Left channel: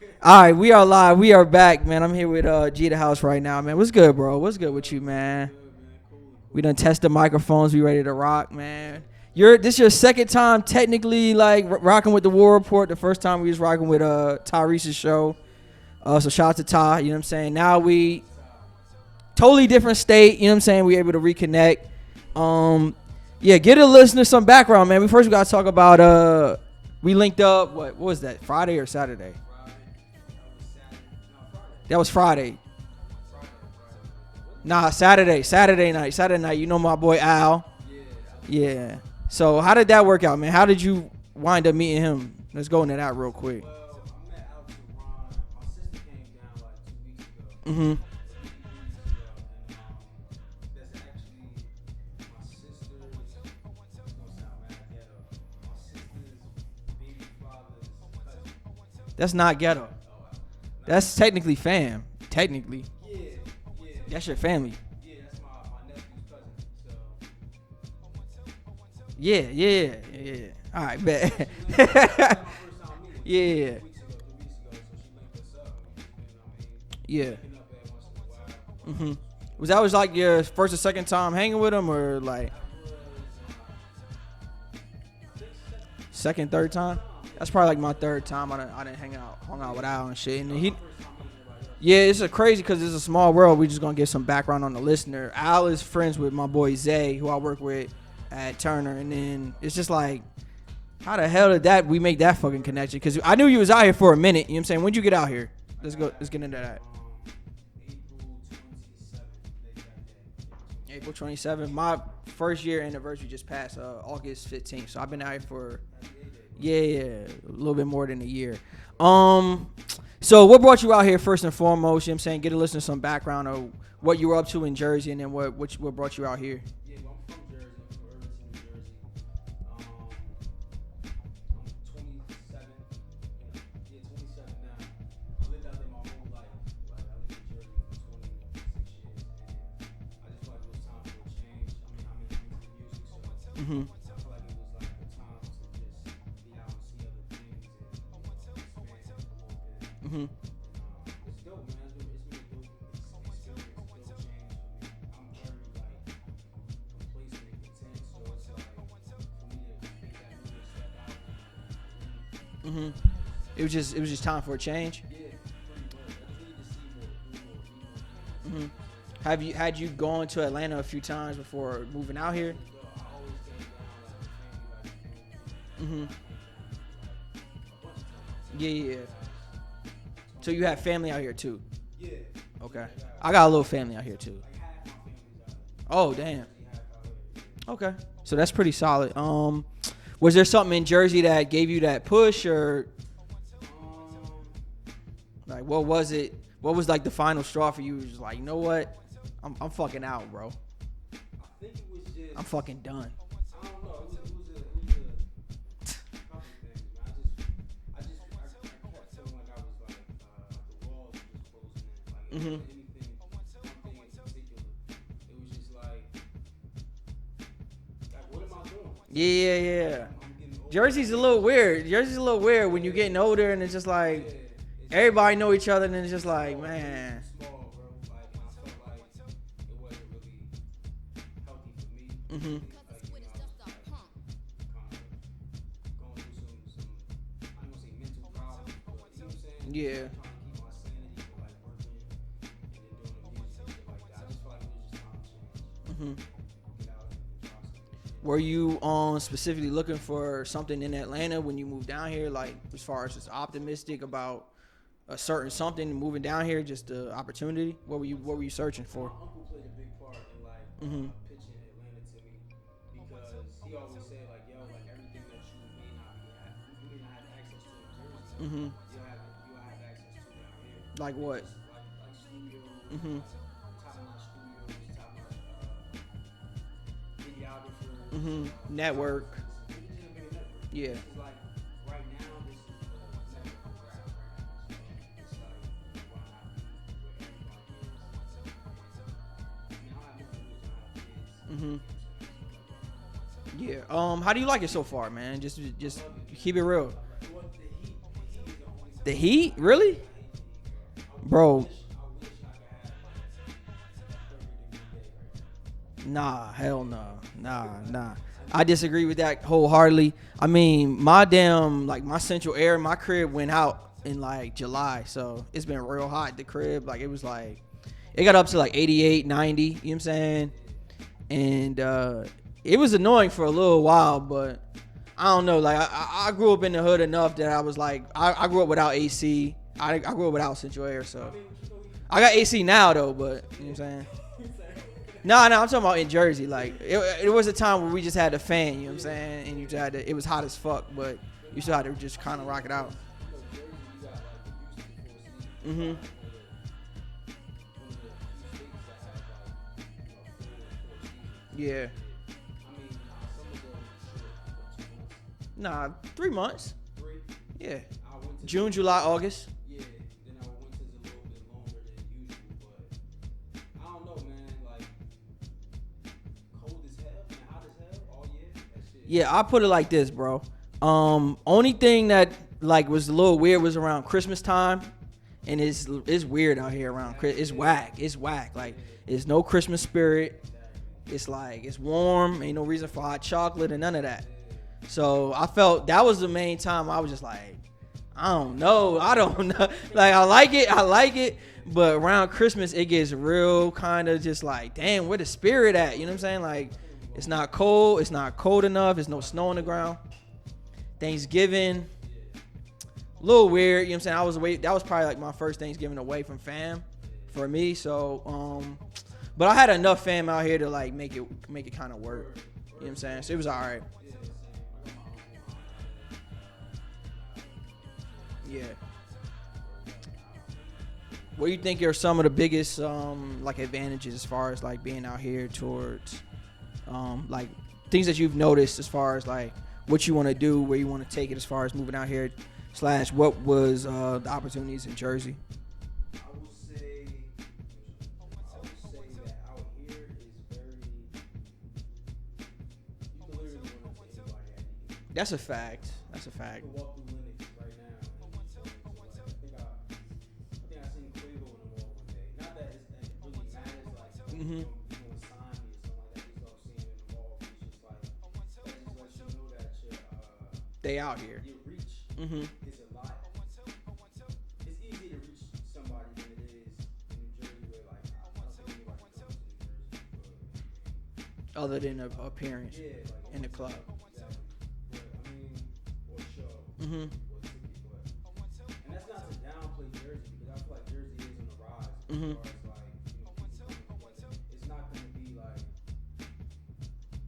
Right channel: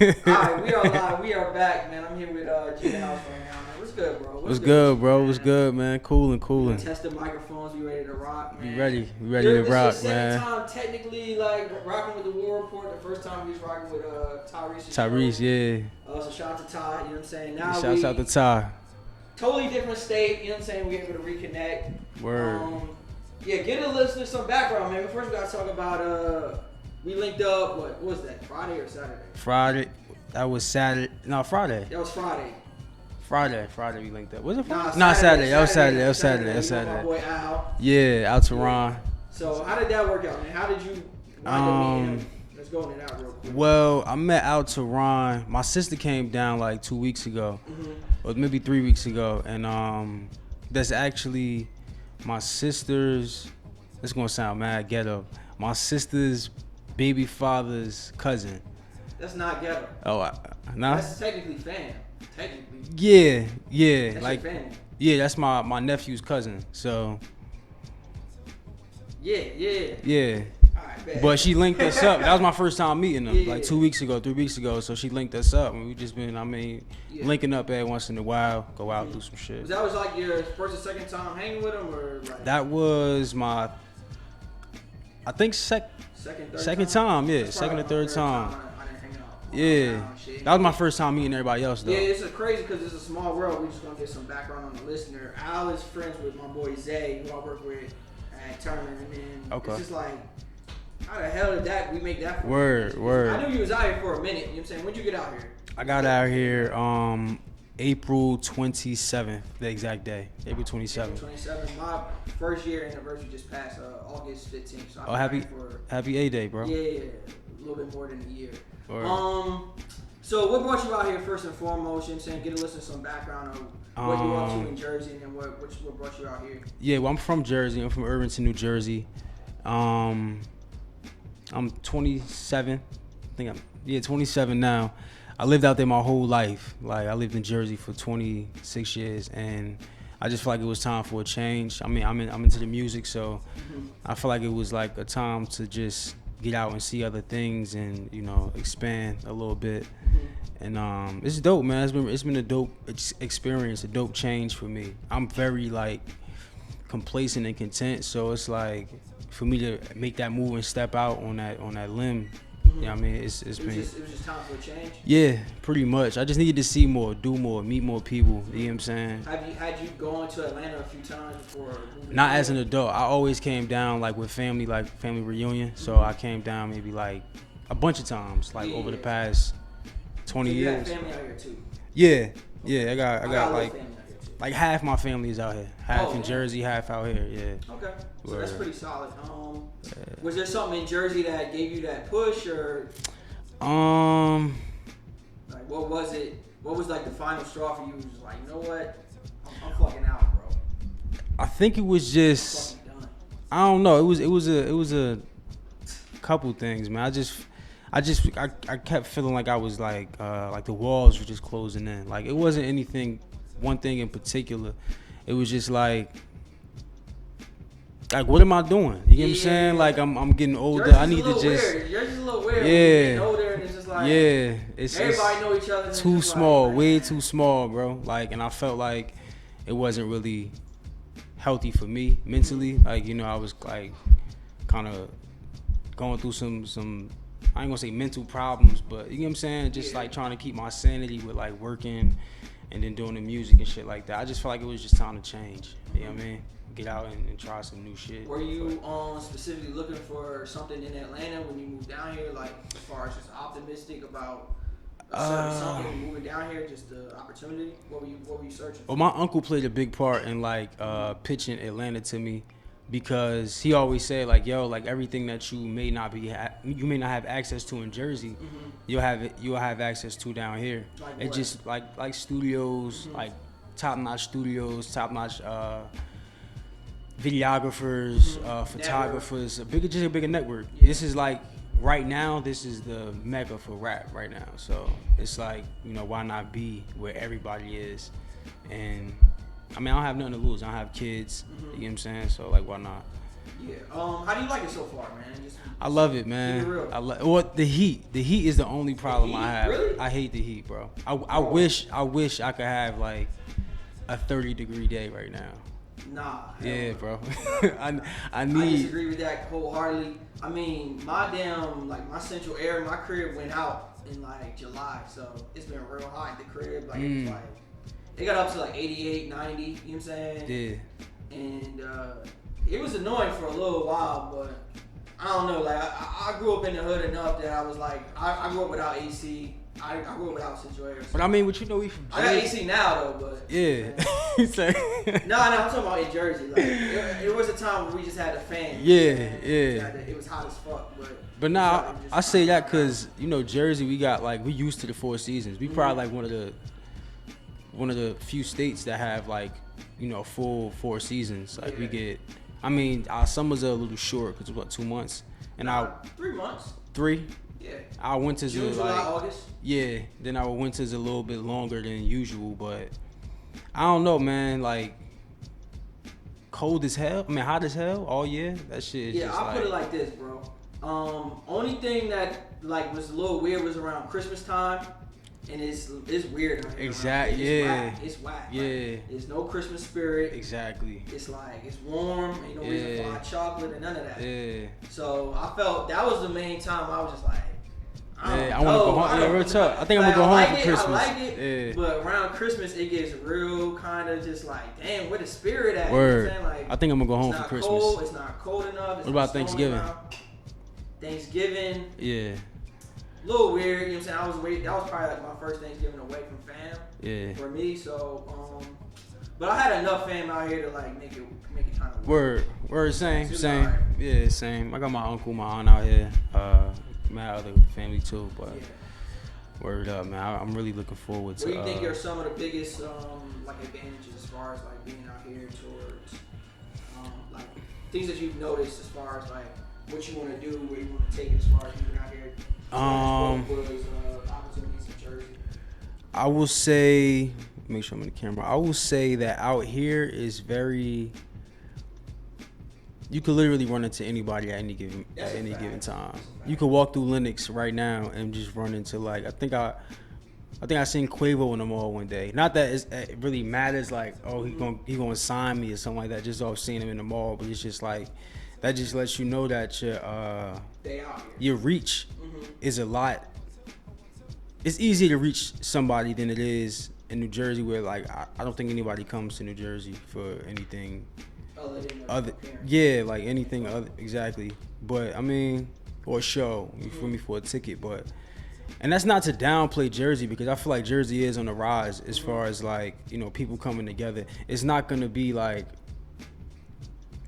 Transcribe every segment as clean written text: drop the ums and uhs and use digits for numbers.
All right, we are live. We are back, man. I'm here with Geeta House right now, man. What's good, bro? What's good with you, bro? man? What's good, man? Cool. We done test the microphones. We ready to rock, man. We ready. This your second time technically like rocking with the War Report. The first time we was rocking with Tyrese's show. Yeah. So shout out to Ty. You know what I'm saying? Now Shout out to Ty. Totally different state. You know what I'm saying? We able to reconnect. Word. Yeah. Get a listener some background, man. We first got to talk about we linked up. What was that? Friday or Saturday? Friday. That was Saturday. No, Friday. That was Friday. Friday we linked up. Was it? Nah, Saturday. Saturday night. You know my boy Al. Yeah, Al Tehran. Yeah. So how did that work out, man? How did you wind up meeting him? Let's go into that real quick. Well, I met Al Tehran. My sister came down like 2 weeks ago, or maybe 3 weeks ago, and that's actually my sister's. It's gonna sound mad ghetto. My sister's baby father's cousin. That's not ghetto. Oh, nah. That's technically fam. Technically. Yeah. That's like your family. Yeah, that's my nephew's cousin. So. Yeah. All right, bet. But she linked us up. That was my first time meeting them, like 2 weeks ago, 3 weeks ago. So she linked us up, and we just been, linking up every once in a while, go out, do some shit. Was that like your first or second time hanging with him, or like? That was my, I think second, third time. Yeah, that's probably second, like my third third time. I didn't hang out. Yeah, and shit. That was my first time meeting everybody else. Though. Yeah, it's a crazy because it's a small world. We just gonna give some background on the listener. Al is friends with my boy Zay, who I work with at Turner, and then it's just like, how the hell did we make that fucking connection? Because I knew you was out here for a minute. You know what I'm saying? When'd you get out here? I got out here April 27th, the exact day. April 27th. April 27th. My first year anniversary just passed August 15th. So I've been out here for happy A-Day, bro. Yeah, a little bit more than a year. So what brought you out here first and foremost? You know what I'm saying? Get a listen to some background of what you were up to in Jersey, and then what brought you out here. Yeah, well, I'm from Jersey. I'm from Irvington, New Jersey. I'm 27. I think I'm 27 now. I lived out there my whole life. Like, I lived in Jersey for 26 years, and I just feel like it was time for a change. I mean, I'm into the music, so I feel like it was like a time to just get out and see other things and, expand a little bit. And it's dope, man. It's been a dope experience, a dope change for me. I'm very like complacent and content, so it's like for me to make that move and step out on that limb. You know what I mean? It was just time for a change? Yeah, pretty much. I just needed to see more, do more, meet more people. You know what I'm saying? Had you gone to Atlanta a few times before moving? Not as an adult. I always came down like with family, like family reunion. So I came down maybe like a bunch of times, like over the past 20 years. So you had family out here too? Yeah. Okay. Yeah, I got a little family out here too. Like half my family is out here. Half in Jersey, half out here. Yeah. Okay. So that's pretty solid. Was there something in Jersey that gave you that push, or like what was it? What was like the final straw for you? Just like, you know what? I'm fucking out, bro. I think it was just I'm fucking done. I don't know. It was a couple things, man. I kept feeling like I was like the walls were just closing in. Like it wasn't one thing in particular. It was just like what am I doing? You know what I'm saying? Like I'm getting older. Jersey's a little weird. Jersey's a little weird when you're getting older, and it's just like everybody know each other. And too it's just small, like, way too small, bro. Like, and I felt like it wasn't really healthy for me mentally. Like, I was like kind of going through some I ain't gonna say mental problems, but you know what I'm saying? Just like trying to keep my sanity with like working and then doing the music and shit like that. I just felt like it was just time to change. You know what I mean? Get out and try some new shit. Were you specifically looking for something in Atlanta when you moved down here? Like as far as just optimistic about a certain something moving down here, just the opportunity? What were you searching for? Well, my uncle played a big part in like pitching Atlanta to me. Because he always said like, yo, like everything that you may not have access to in Jersey, you'll have access to down here. Like and what? Just like studios, like top-notch studios, top-notch videographers, photographers, a bigger network. Yeah. This is like right now, this is the mecca for rap right now. So it's like, why not be where everybody is? And I mean, I don't have nothing to lose. I don't have kids. You know what I'm saying? So, like, why not? Yeah. How do you like it so far, man? Just I love it, man. Keep it real. Well, the heat. The heat is the only problem. The heat? I have. Really? I hate the heat, bro. I wish I could have like a 30-degree day right now. Nah, hell yeah, no. bro. Nah. I disagree with that wholeheartedly. I mean, my central air, my crib went out in like July, so it's been real hot at the crib. Like it was like, it got up to like 88, 90. You know what I'm saying? Yeah. And it was annoying for a little while, but I don't know. Like I grew up in the hood enough that I was like, I grew up without AC. I grew up without central air. So. But I mean, what you know, I got AC now though, but yeah. No, I'm talking about in Jersey. Like it was a time where we just had the fan. Yeah. It was hot as fuck, but nah, I say that because Jersey, we used to the 4 seasons. We probably like one of the few states that have like full 4 seasons. Like we get. I mean, our summers are a little short because it's 2 months. And 3 months. 3. Yeah. Our winters June, July, August. Yeah. Then our winters a little bit longer than usual, but I don't know, man. Like cold as hell. I mean, hot as hell all year. That shit. Yeah, I put it like this, bro. Only thing that like was a little weird was around Christmas time. And it's weird out here. Exactly. It's whack. Yeah. Like, it's no Christmas spirit. Exactly. It's like it's warm. Ain't no reason for hot chocolate and none of that. Yeah. So I felt that was the main time I was just like, I don't know. I don't know. I think like, I like Christmas. it. Yeah. But around Christmas, it gets real kind of just like, damn, where the spirit at? Word. You know what I'm saying? Like, I think I'm gonna go home. It's not for cold. Christmas. It's not cold enough. It's what no about snow on the Thanksgiving? ground. Thanksgiving. Yeah. A little weird, you know what I'm saying? That was probably like my first Thanksgiving away from fam. Yeah. For me, so but I had enough fam out here to like make it kind of work. Word, same. Right. Yeah, same. I got my uncle, my aunt out here. My other family too, but yeah. Word up, man. I'm really looking forward to. What do you think are some of the biggest like advantages as far as like being out here towards like things that you've noticed as far as like what you want to do, where you want to take it as far as moving out here? / what was the opportunities in Jersey? I will say, make sure I'm in the camera. I will say that out here is very. You could literally run into anybody at any given time. That's a fact. You could walk through Lenox right now and just run into like I think I seen Quavo in the mall one day. Not that it really matters like he gonna sign me or something like that. Just off seeing him in the mall, but it's just like. That just lets you know that they out here. Your reach is a lot. It's easier to reach somebody than it is in New Jersey, where like I don't think anybody comes to New Jersey for anything other than appearance. Yeah, like anything other exactly. But I mean, or a show for me for a ticket, but. And that's not to downplay Jersey because I feel like Jersey is on the rise as far as like people coming together. It's not gonna be like.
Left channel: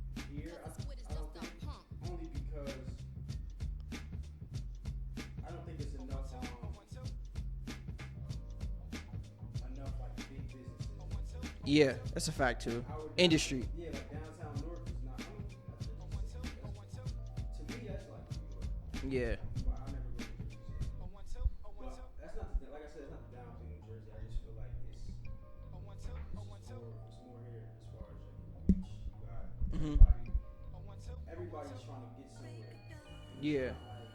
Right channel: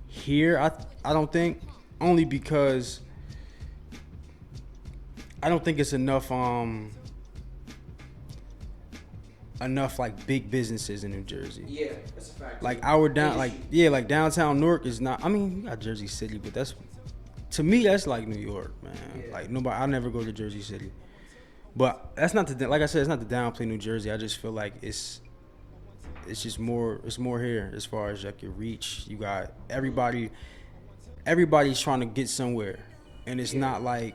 Here, I don't think, only because I don't think it's enough like big businesses in New Jersey. Yeah, that's a fact. Like like downtown Newark is not. I mean, you got Jersey City, but that's to me that's like New York, man. Yeah. Like nobody, I never go to Jersey City, but that's not like I said, it's not to downplay New Jersey. I just feel like it's just more. It's more here as far as like your reach. You got everybody. Everybody's trying to get somewhere, and it's not like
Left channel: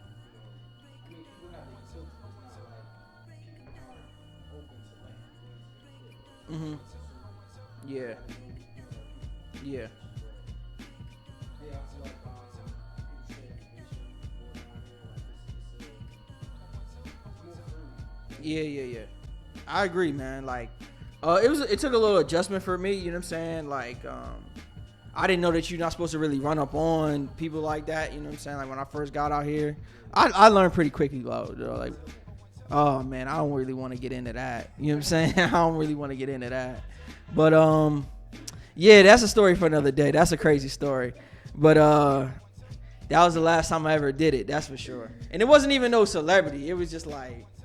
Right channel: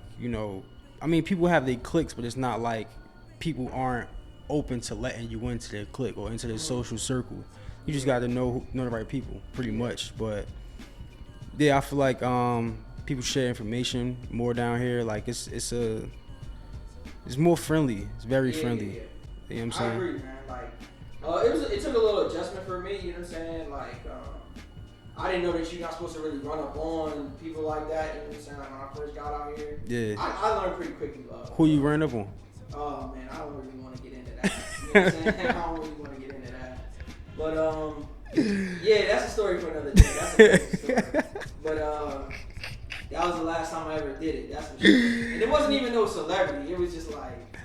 I mean, people have their cliques, but it's not like people aren't open to letting you into their clique or into their social circle. You just got to know the right people, pretty much. But yeah, I feel like people share information more down here. Like it's more friendly. It's very friendly. Yeah. You know I agree, man. Like. It took a little adjustment for me, you know what I'm saying? Like, I didn't know that you're not supposed to really run up on people like that, you know what I'm saying? Like, when I first got out here, I learned pretty quickly, though. Who you ran up on? Oh, man, I don't really want to get into that. You know what I'm saying? I don't really want to get into that. But, yeah, that's a story for another day. That's a crazy story. But, that was the last time I ever did it, that's for sure. And it wasn't even no celebrity. It was just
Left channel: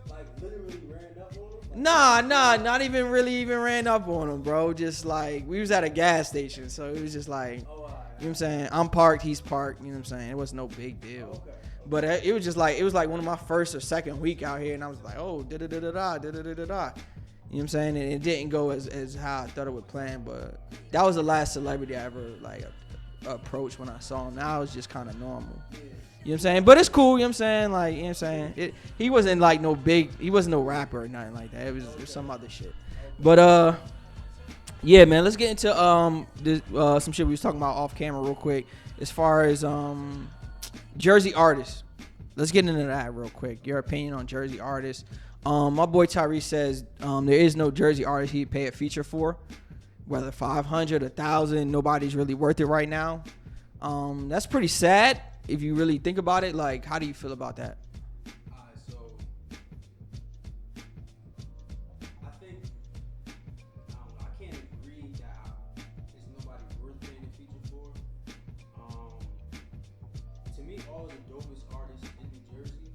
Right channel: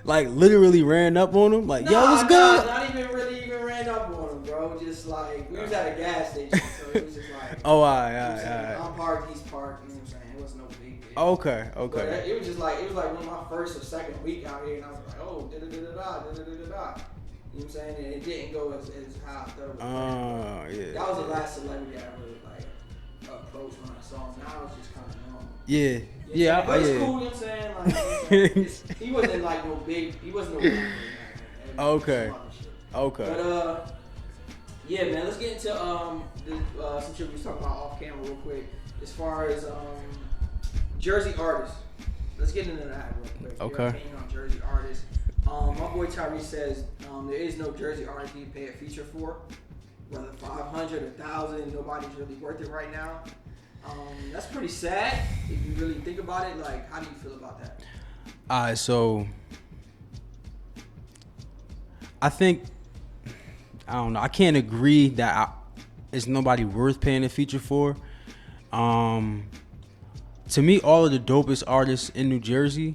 like literally ran up on him? Like, nah, not even really ran up on him, bro. Just like, we was at a gas station, so it was just like, all you right, know what I'm saying? I'm parked, he's parked, you know what I'm saying? It was no big deal. Okay. But it was just like, it was like one of my first or second week out here, and I was like, oh, da-da-da-da-da, da-da-da-da-da. You know what I'm saying? And it didn't go as how I thought it was planned, but that was the last celebrity I ever, like, approach when I saw him. Now it's just kind of normal. Yeah. You know what I'm saying? But it's cool, you know what I'm saying? Like, you know what I'm saying? He wasn't like he wasn't no rapper or nothing like that. It was some other shit. Okay. But yeah, man, let's get into some shit we was talking about off camera real quick. As far as Jersey artists. Let's get into that real quick. Okay. Your opinion on Jersey artists. My boy Tyrese says there is no Jersey artist he'd pay a feature for. Whether 500, 1,000, nobody's really worth it right now. That's pretty sad if you really think about it. Like, how do you feel about that? So I think, I don't know. I can't agree that it's nobody worth paying a feature for. To me, all of the dopest artists in New Jersey,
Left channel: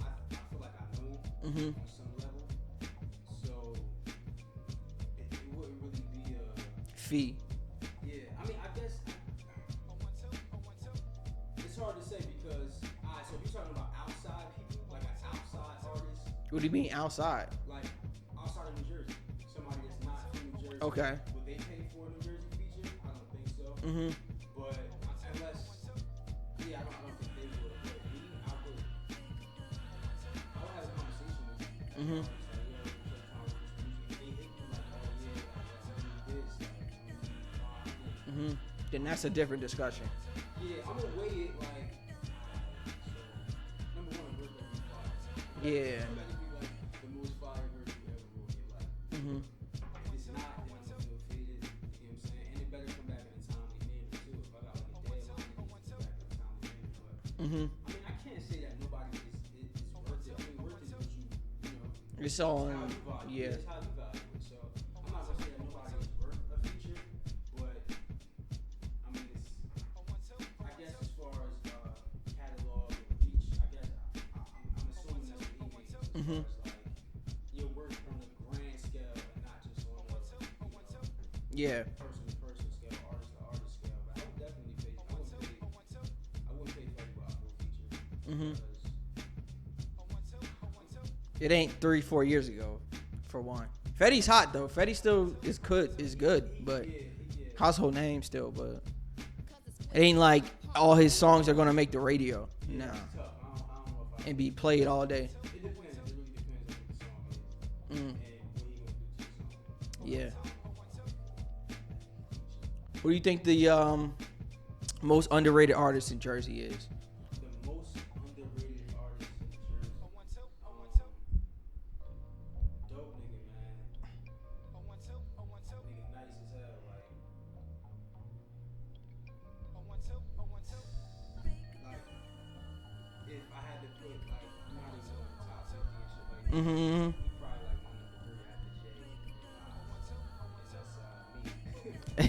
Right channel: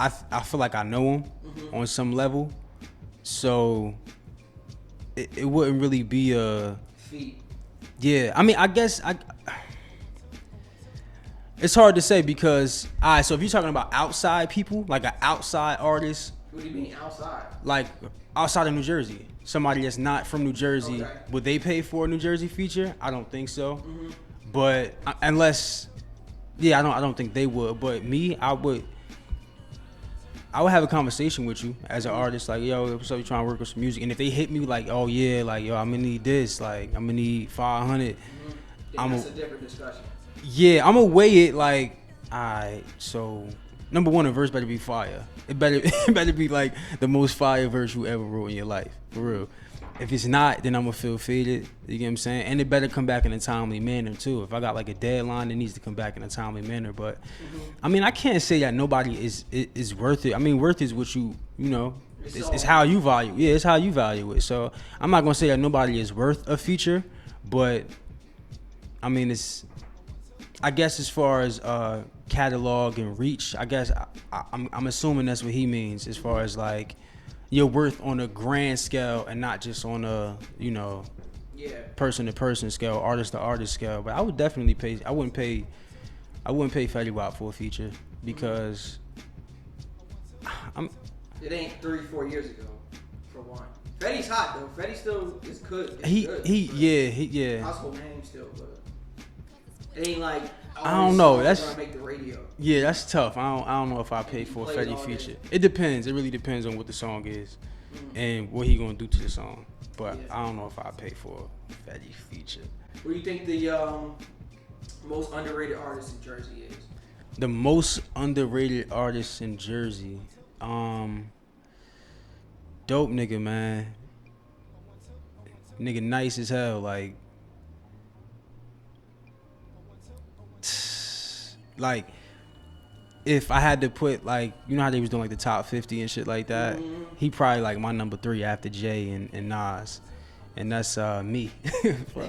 I feel like I know them on some level. So it wouldn't really be a fee. Yeah, I mean, I guess it's hard to say because so if you're talking about outside people, like an outside artist. What do you mean outside? Like outside of New Jersey, somebody that's not from New Jersey, would they pay for a New Jersey feature? I don't think so. But unless, I don't think they would. But me, I would have a conversation with you as an artist, like, yo, what's up, you trying to work with some music? And if they hit me like, oh yeah, like, yo, I'm gonna need this, like, I'm gonna need 500. Then that's a different discussion. Yeah, I'm gonna weigh it like, alright, so number one, a verse better be fire. It better be like the most fire verse you ever wrote in your life, for real. If it's not, then I'm gonna feel faded. You get what I'm saying? And it better come back in a timely manner too. If I got like a deadline, it needs to come back in a timely manner. But I mean, I can't say that nobody is worth it. I mean, worth is what you know. It's how you value. Yeah, it's how you value it. So I'm not gonna say that nobody is worth a feature, but I mean, I guess as far as catalog and reach, I guess I'm assuming that's what he means as far as like your worth on a grand scale and not just on a, person to person scale, artist to artist scale. But I would definitely pay. I wouldn't pay Fetty Wap for a feature because it ain't 3-4 years ago, for one. Fetty's hot though. Fetty still is good. He household name still, but it ain't like all his songs are gonna make the radio. Yeah, that's tough. I don't know if I pay for a Fetty feature. It depends. It really depends on what the song is and what he gonna do to the song. But I don't know if I pay for a Fetty feature. What do you think the most underrated artist in Jersey is? The most underrated artist in Jersey, dope nigga, man. Nigga nice as hell, like if I had to put, like, you know how they was doing like the top 50 and shit like that, he probably like my number 3 after Jay and Nas, and that's me.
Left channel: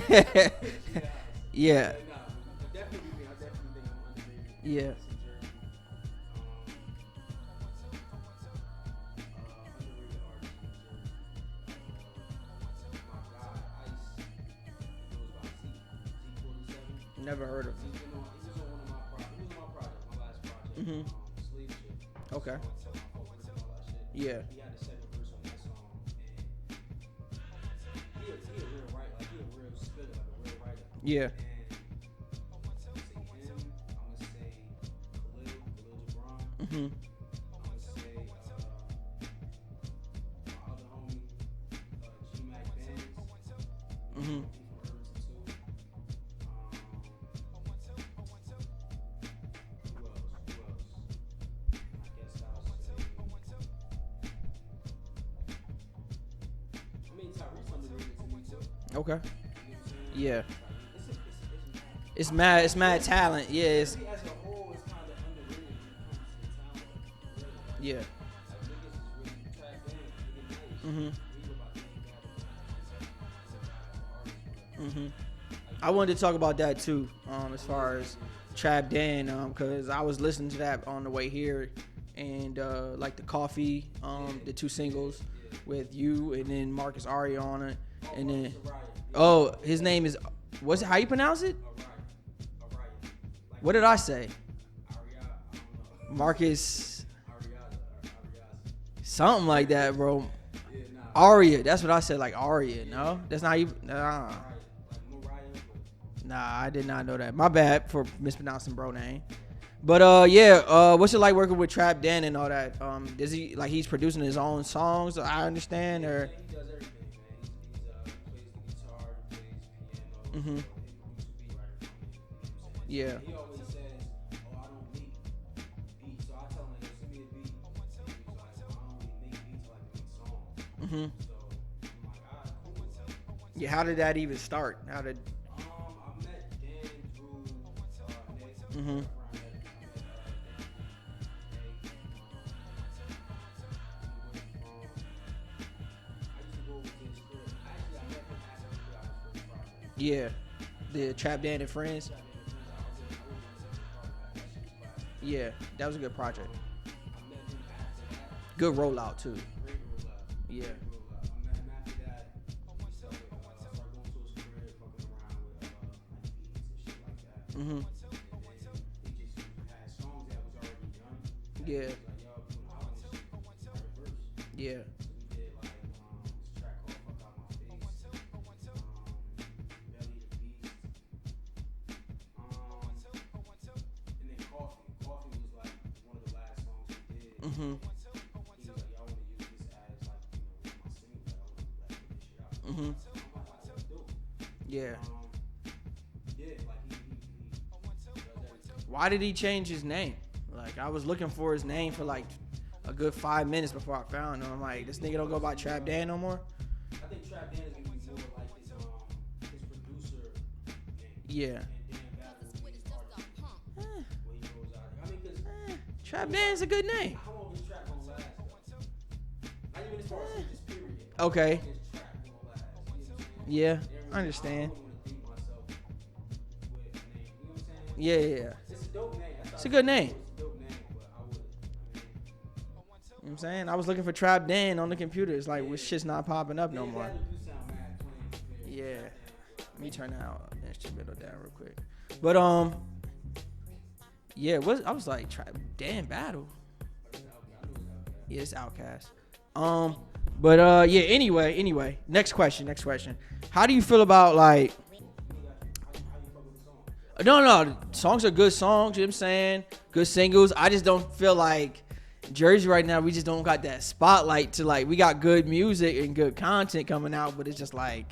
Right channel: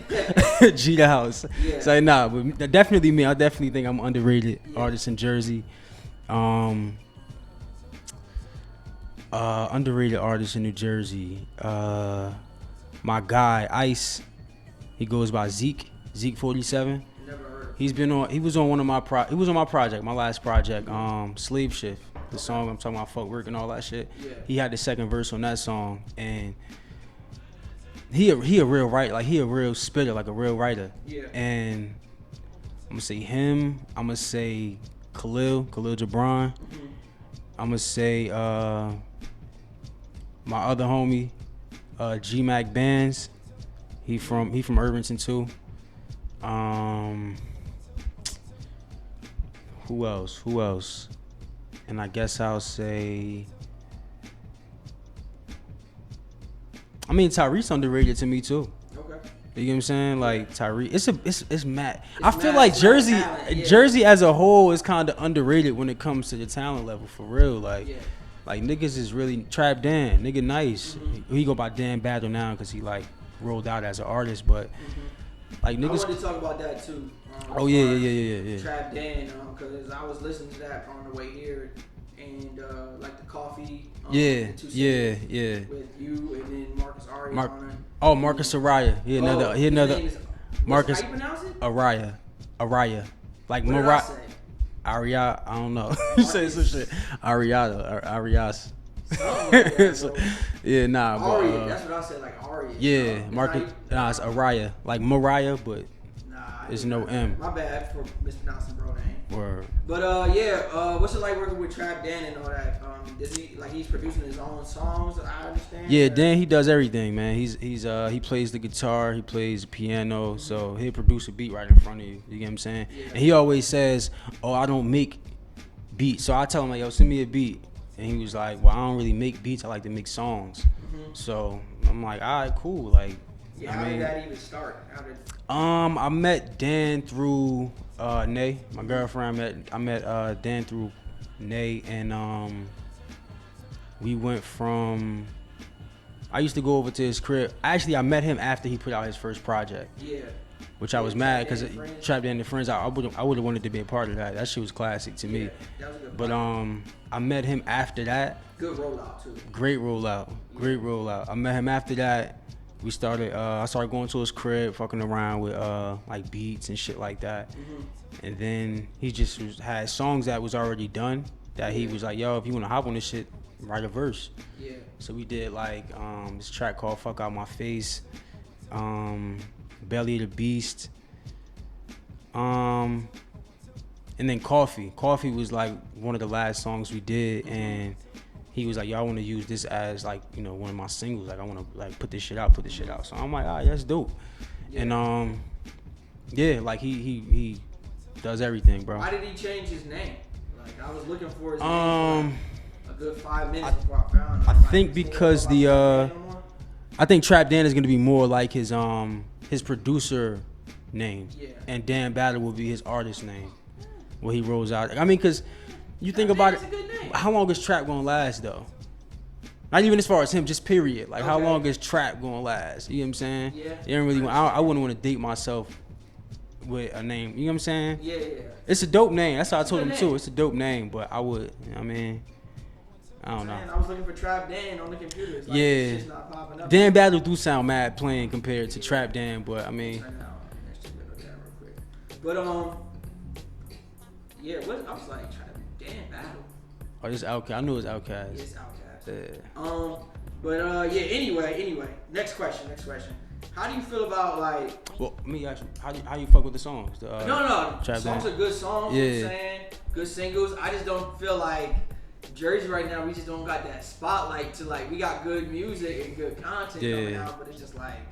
Geeta House. Yeah. So nah, but definitely me. I definitely think I'm underrated artist in Jersey. Underrated artist in New Jersey. My guy Ice, he goes by Zeke 47. Never heard of him. He was on my project, my last project, Slave Shift, the song I'm talking about, footwork and all that shit. Yeah. He had the second verse on that song, and he a real writer, like he a real spitter, like a real writer. Yeah. And I'm gonna say him, I'm gonna say Khalil Gibran. I'm gonna say my other homie, G-Mac Bands. He from Irvington too. Who else? And I guess I'll say, I mean, Tyrese underrated to me too. Okay. You get what I'm saying? Like Tyrese, it's mad. I feel like Jersey as a whole is kind of underrated when it comes to the talent level, for real. Like niggas is really Trap Dan, nigga nice. He go by Dan Battle now because he like rolled out as an artist, but like niggas, I wanted to talk about that too. Yeah. Trap Dan, because I was listening to that on the way here, and like the Coffee, the 2 singles with you, and then Marcus Arias on it. Oh, Marcus Araya. His name is Marcus. How you pronounce it? Araya. Like what did I say? Aria, I don't know. Marcus Arias. Something like that, bro. Yeah, nah. Aria, that's what I said, like Aria. Yeah, Marcus. It's Araya, like Mariah, but Nah, I There's did no not know M. that. My bad for mispronouncing bro name. Word. But yeah, what's it like working with Trap Dan and all that? Is he like he's producing his own songs? I understand. Yeah, or? Dan, he does everything, man. He plays the guitar, he plays the piano, so he'll produce a beat right in front of you. You get what I'm saying? Yeah. And he always says, "Oh, I don't make beats." So I tell him like, "Yo, send me a beat." And he was like, "Well, I don't really make beats. I like to make songs." So I'm like, "All right, cool." Like, yeah. How did that even start? How did? I met Dan through Nay, my girlfriend. I met Dan through Nay, and we went from. I used to go over to his crib. Actually, I met him after he put out his first project. Yeah. Which I was mad because Trap Dan and the Friends. I would have wanted to be a part of that. That shit was classic to me. Yeah, that was a good project. But I met him after that. Good rollout too. Great rollout. Yeah. Great rollout. I met him after that. We started. I started going to his crib, fucking around with like beats and shit like that. And then he just had songs that was already done. That he was like, "Yo, if you wanna hop on this shit, write a verse." Yeah. So we did like this track called "Fuck Out My Face," "Belly of the Beast," and then "Coffee." "Coffee" was like one of the last songs we did, and he was like, "Yo, I want to use this as like, you know, one of my singles. Like, I want to like put this shit out." So I'm like, "All right, that's dope." Yeah. And yeah, like he does everything, bro. Why did he change his name? Like I was looking for his name for like a good 5 minutes before I found him. I think because I think Trap Dan is gonna be more like his producer name. Yeah. And Dan Battle will be his artist name. Where he rolls out. I mean, cause you think about it. That's a good name. How long is Trap gonna last though? Not even as far as him, just period. Like how long is Trap gonna last? You know what I'm saying? Yeah. You don't really. I wouldn't want to date myself with a name. You know what I'm saying? Yeah, yeah. It's a dope name. That's how I told him too. It's a dope name, but I would. I mean. I don't know. I was looking for Trap Dan on the computer. It's like this shit's not popping up. Dan Battle do sound mad plain compared to Trap Dan, but I mean. But yeah, I was like Trap Dan Battle. Oh, this Outkast. I knew it was Outkast. Yeah, it's Outkast. Yeah. But yeah. Anyway. Next question. How do you feel about like? Well, let me ask you. How you fuck with the songs? No. Songs are good songs. Yeah. You know what I'm saying? Good singles. I just don't feel like Jersey right now. We just don't got that spotlight to like. We got good music and good content coming out, but it's just like.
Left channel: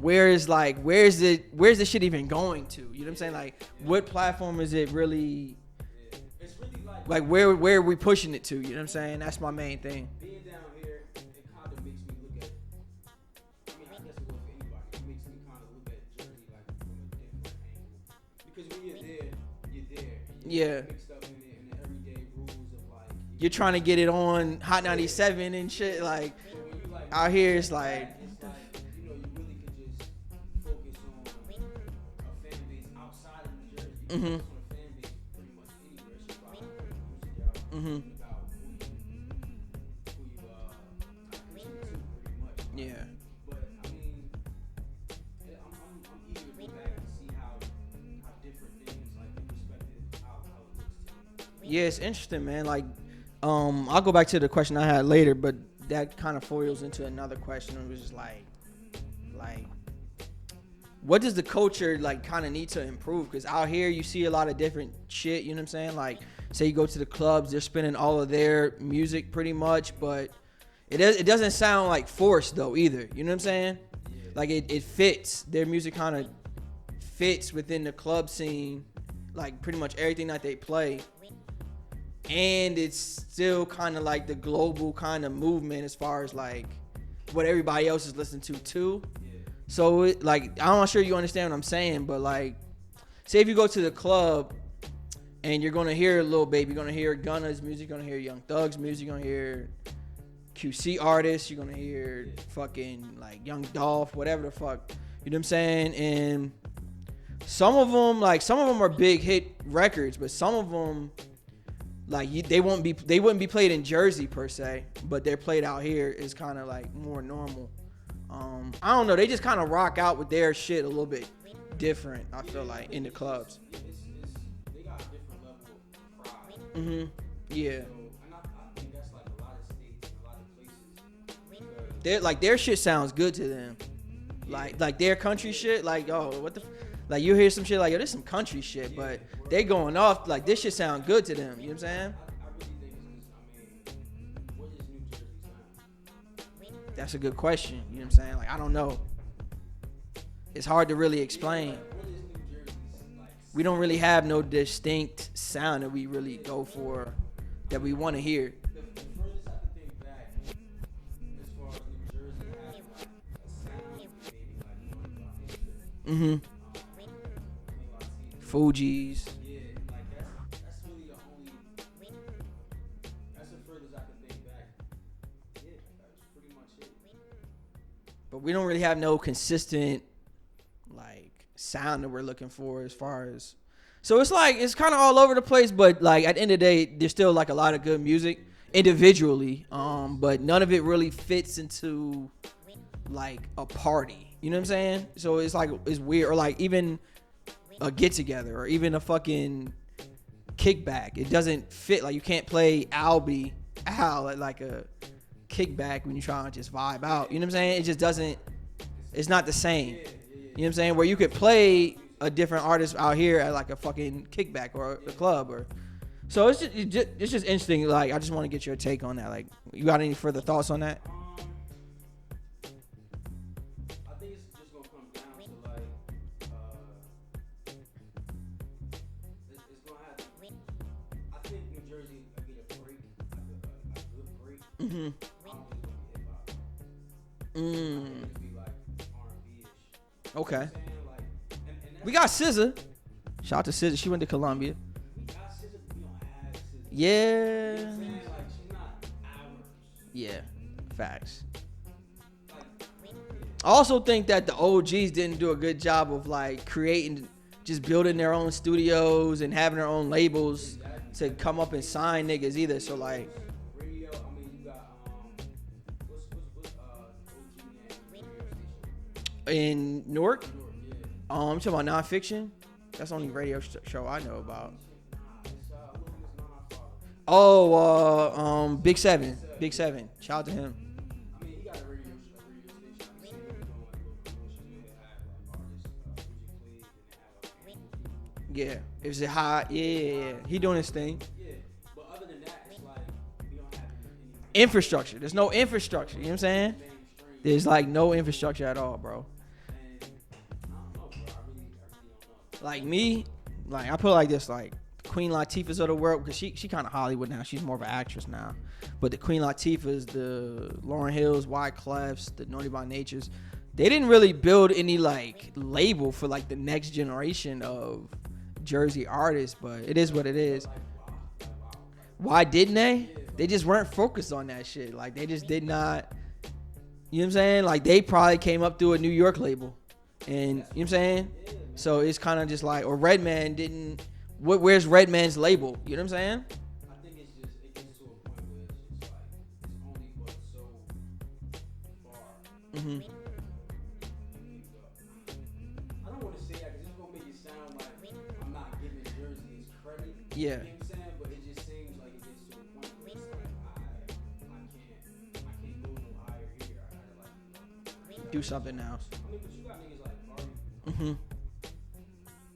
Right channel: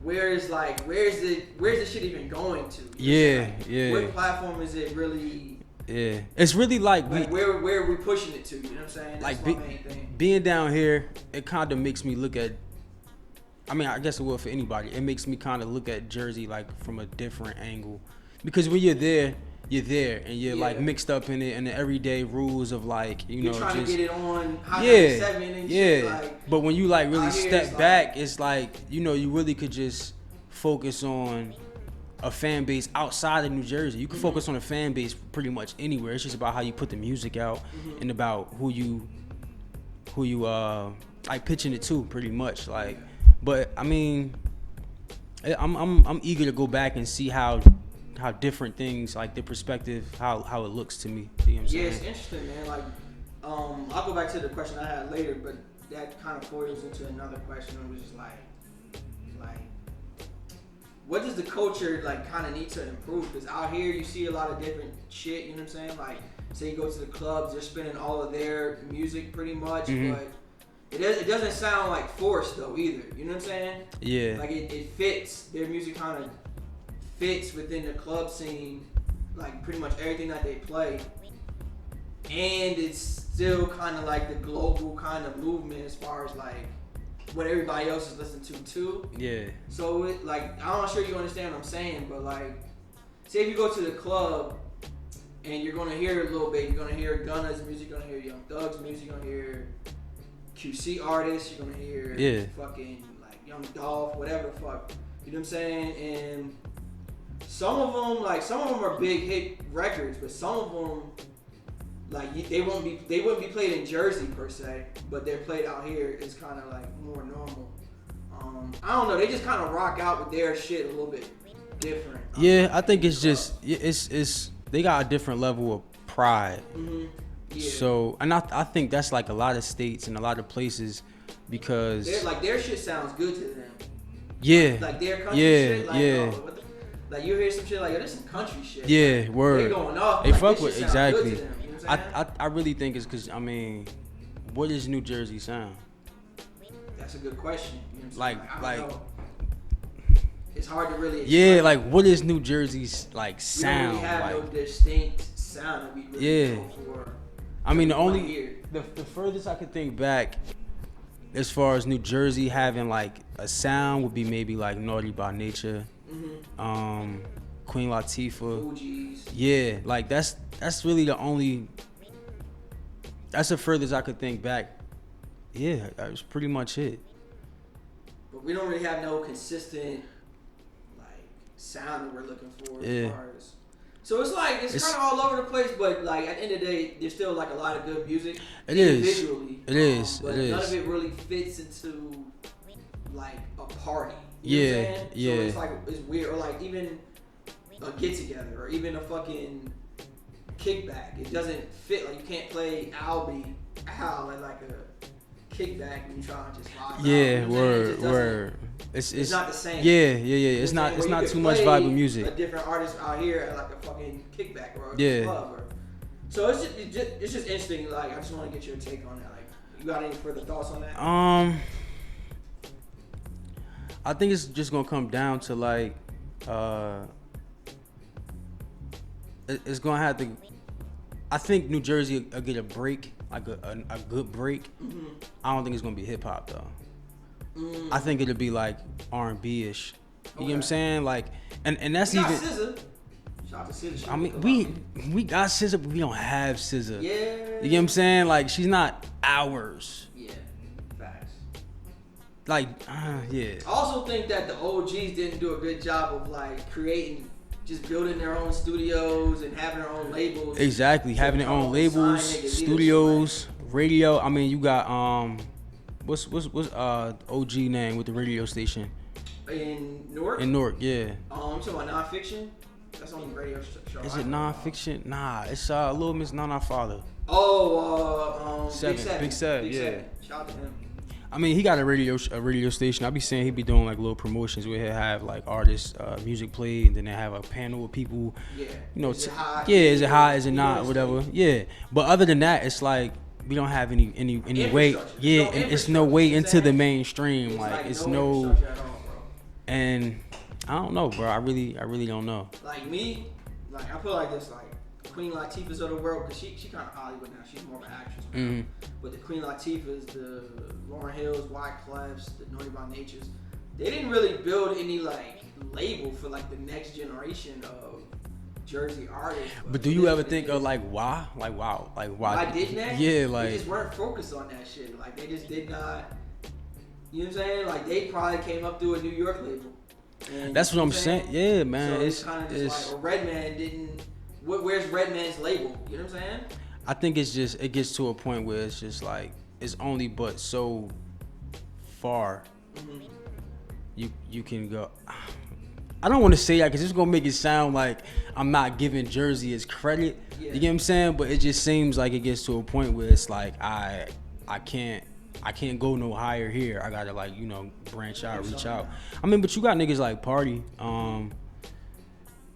Where's the shit even going to? You know yeah. What platform is it really? Yeah, it's really like where are we pushing it to? You know what I'm saying? That's like my main thing. Being down here, it kind of makes me look at. I mean, I guess it will for anybody. It makes me kind of look at Jersey like from a different angle, because when you're there, and you're like mixed up in it and the everyday rules of like you're trying to get it on Hot 97 and shit. Like, but when you like really step back, it's like you really could just focus on a fan base outside of New Jersey. You can focus on a fan base pretty much anywhere. It's just about how you put the music out and about who you like pitching it to, pretty much. Like, but I mean, I'm eager to go back and see how different things, like the perspective, how it looks to me. You know what I'm saying? It's interesting, man. Like, I'll go back to the question I had later, but that kind of foils into another question, which is like, what does the culture like kind of need to improve? Because out here you see a lot of different shit. You know what I'm saying? Like, say you go to the clubs, they're spinning all of their music pretty much, but it doesn't sound like forced though either. You know what I'm saying? Yeah. Like it fits. Their music kind of fits within the club scene, like pretty much everything that they play, and it's still kind of like the global kind of movement as far as like what everybody else is listening to too. Yeah. So it, like, I'm not sure you understand what I'm saying, but like, say if you go to the club and you're gonna hear Lil Baby, you're gonna hear Gunna's music, you're gonna hear Young Thug's music, you're gonna hear QC artists, you're gonna hear fucking like Young Dolph, whatever the fuck. You know what I'm saying? And some of them are big hit records, but some of them, like, they wouldn't be played in Jersey per se, but they're played out here is kind of like more normal. I don't know. They just kind of rock out with their shit a little bit different. Yeah, I think it's just it's they got a different level of pride. Mm-hmm. Yeah. So, and I think that's like a lot of states and a lot of places, because their shit sounds good to them. Yeah. Like their country shit. Like, oh, what the. Like you hear some shit like, yo, this some country shit. Yeah, word. They going off. They like fuck this shit with, sound exactly. good to them. You know what I'm saying? I really think it's because, I mean, what is New Jersey sound? That's a good question. You know what I'm saying? Like, I don't know. It's hard to really explain. Yeah, like what is New Jersey's like sound? We don't really have like, no distinct sound that we really go for. I mean, the only here. The furthest I could think back as far as New Jersey having like a sound would be maybe like Naughty by Nature, Queen Latifah, Fugees. Yeah, like that's really the only. That's the furthest I could think back. Yeah, that was pretty much it. But we don't really have no consistent like sound that we're looking for as far as. So it's like it's kind of all over the place, but like at the end of the day, there's still like a lot of good music individually. It is, but none of it really fits into like a party. You know what I'm saying? So it's like it's weird, or like even a get together, or even a fucking kickback. It doesn't fit. Like you can't play Al at like a kickback when you try to just vibe out. You know what I'm saying? It just doesn't. It's not the same. Yeah. It's not where you could play a different artist out here at like a fucking kickback or a club or. So it's just interesting. Like I just want to get your take on that. Like you got any further thoughts on that? I think it's just gonna come down to like it's gonna have to. I think New Jersey will get a break, like a good break. Mm-hmm. I don't think it's gonna be hip hop though. I think it'll be like R&B ish. You know what I'm saying? Like, and that's we got SZA. Shout out to SZA. She went to Columbia. We got SZA, but we don't have SZA. Yeah. You know what I'm saying? Like, she's not ours. Yeah. Facts. Like, yeah. I also think that the OGs didn't do a good job of like creating, just building their own studios and having their own labels. Exactly, having their own labels, studios, radio. I mean, you got what's OG name with the radio station in Newark? In Newark, yeah. You talking about Nonfiction? That's the only radio show. Is it Nonfiction? Nah, it's Little Miss Nana Father. Big Seven. Big Seven. Shout out to him. I mean, he got a radio station. I be saying he be doing like little promotions where he'll have like artists music played, and then they have a panel of people. Yeah. You know, is it hot? Yeah, is it hot? Is it not? Whatever. Thing. Yeah. But other than that, it's like we don't have any infrastructure. Way. Yeah, it's no way into the mainstream. There's like no infrastructure at all, bro. And I don't know, bro. I really don't know. Like me, like I put it like this, like Queen Latifah's of the world, because she kind of Hollywood now. She's more of an actress now. Mm-hmm. But the Queen Latifah's, the Lauryn Hills, Wyclef's, the Naughty by Natures, they didn't really build any like label for like the next generation of Jersey artists. But do you ever think of like why? Like wow, like why didn't they? Yeah, like they just weren't focused on that shit. Like they just did not. You know what I'm saying? Like they probably came up through a New York label. And that's what I'm saying. Yeah, man. So it's kind of just like, or Redman didn't. Where's Redman's label? You know what I'm saying? I think it's just, it gets to a point where it's just like, it's only but so far you can go. I don't want to say that because it's going to make it sound like I'm not giving Jersey its credit. Yeah. You get what I'm saying? But it just seems like it gets to a point where it's like, I can't go no higher here. I got to like, you know, branch out, reach out. Now. I mean, but you got niggas like Party.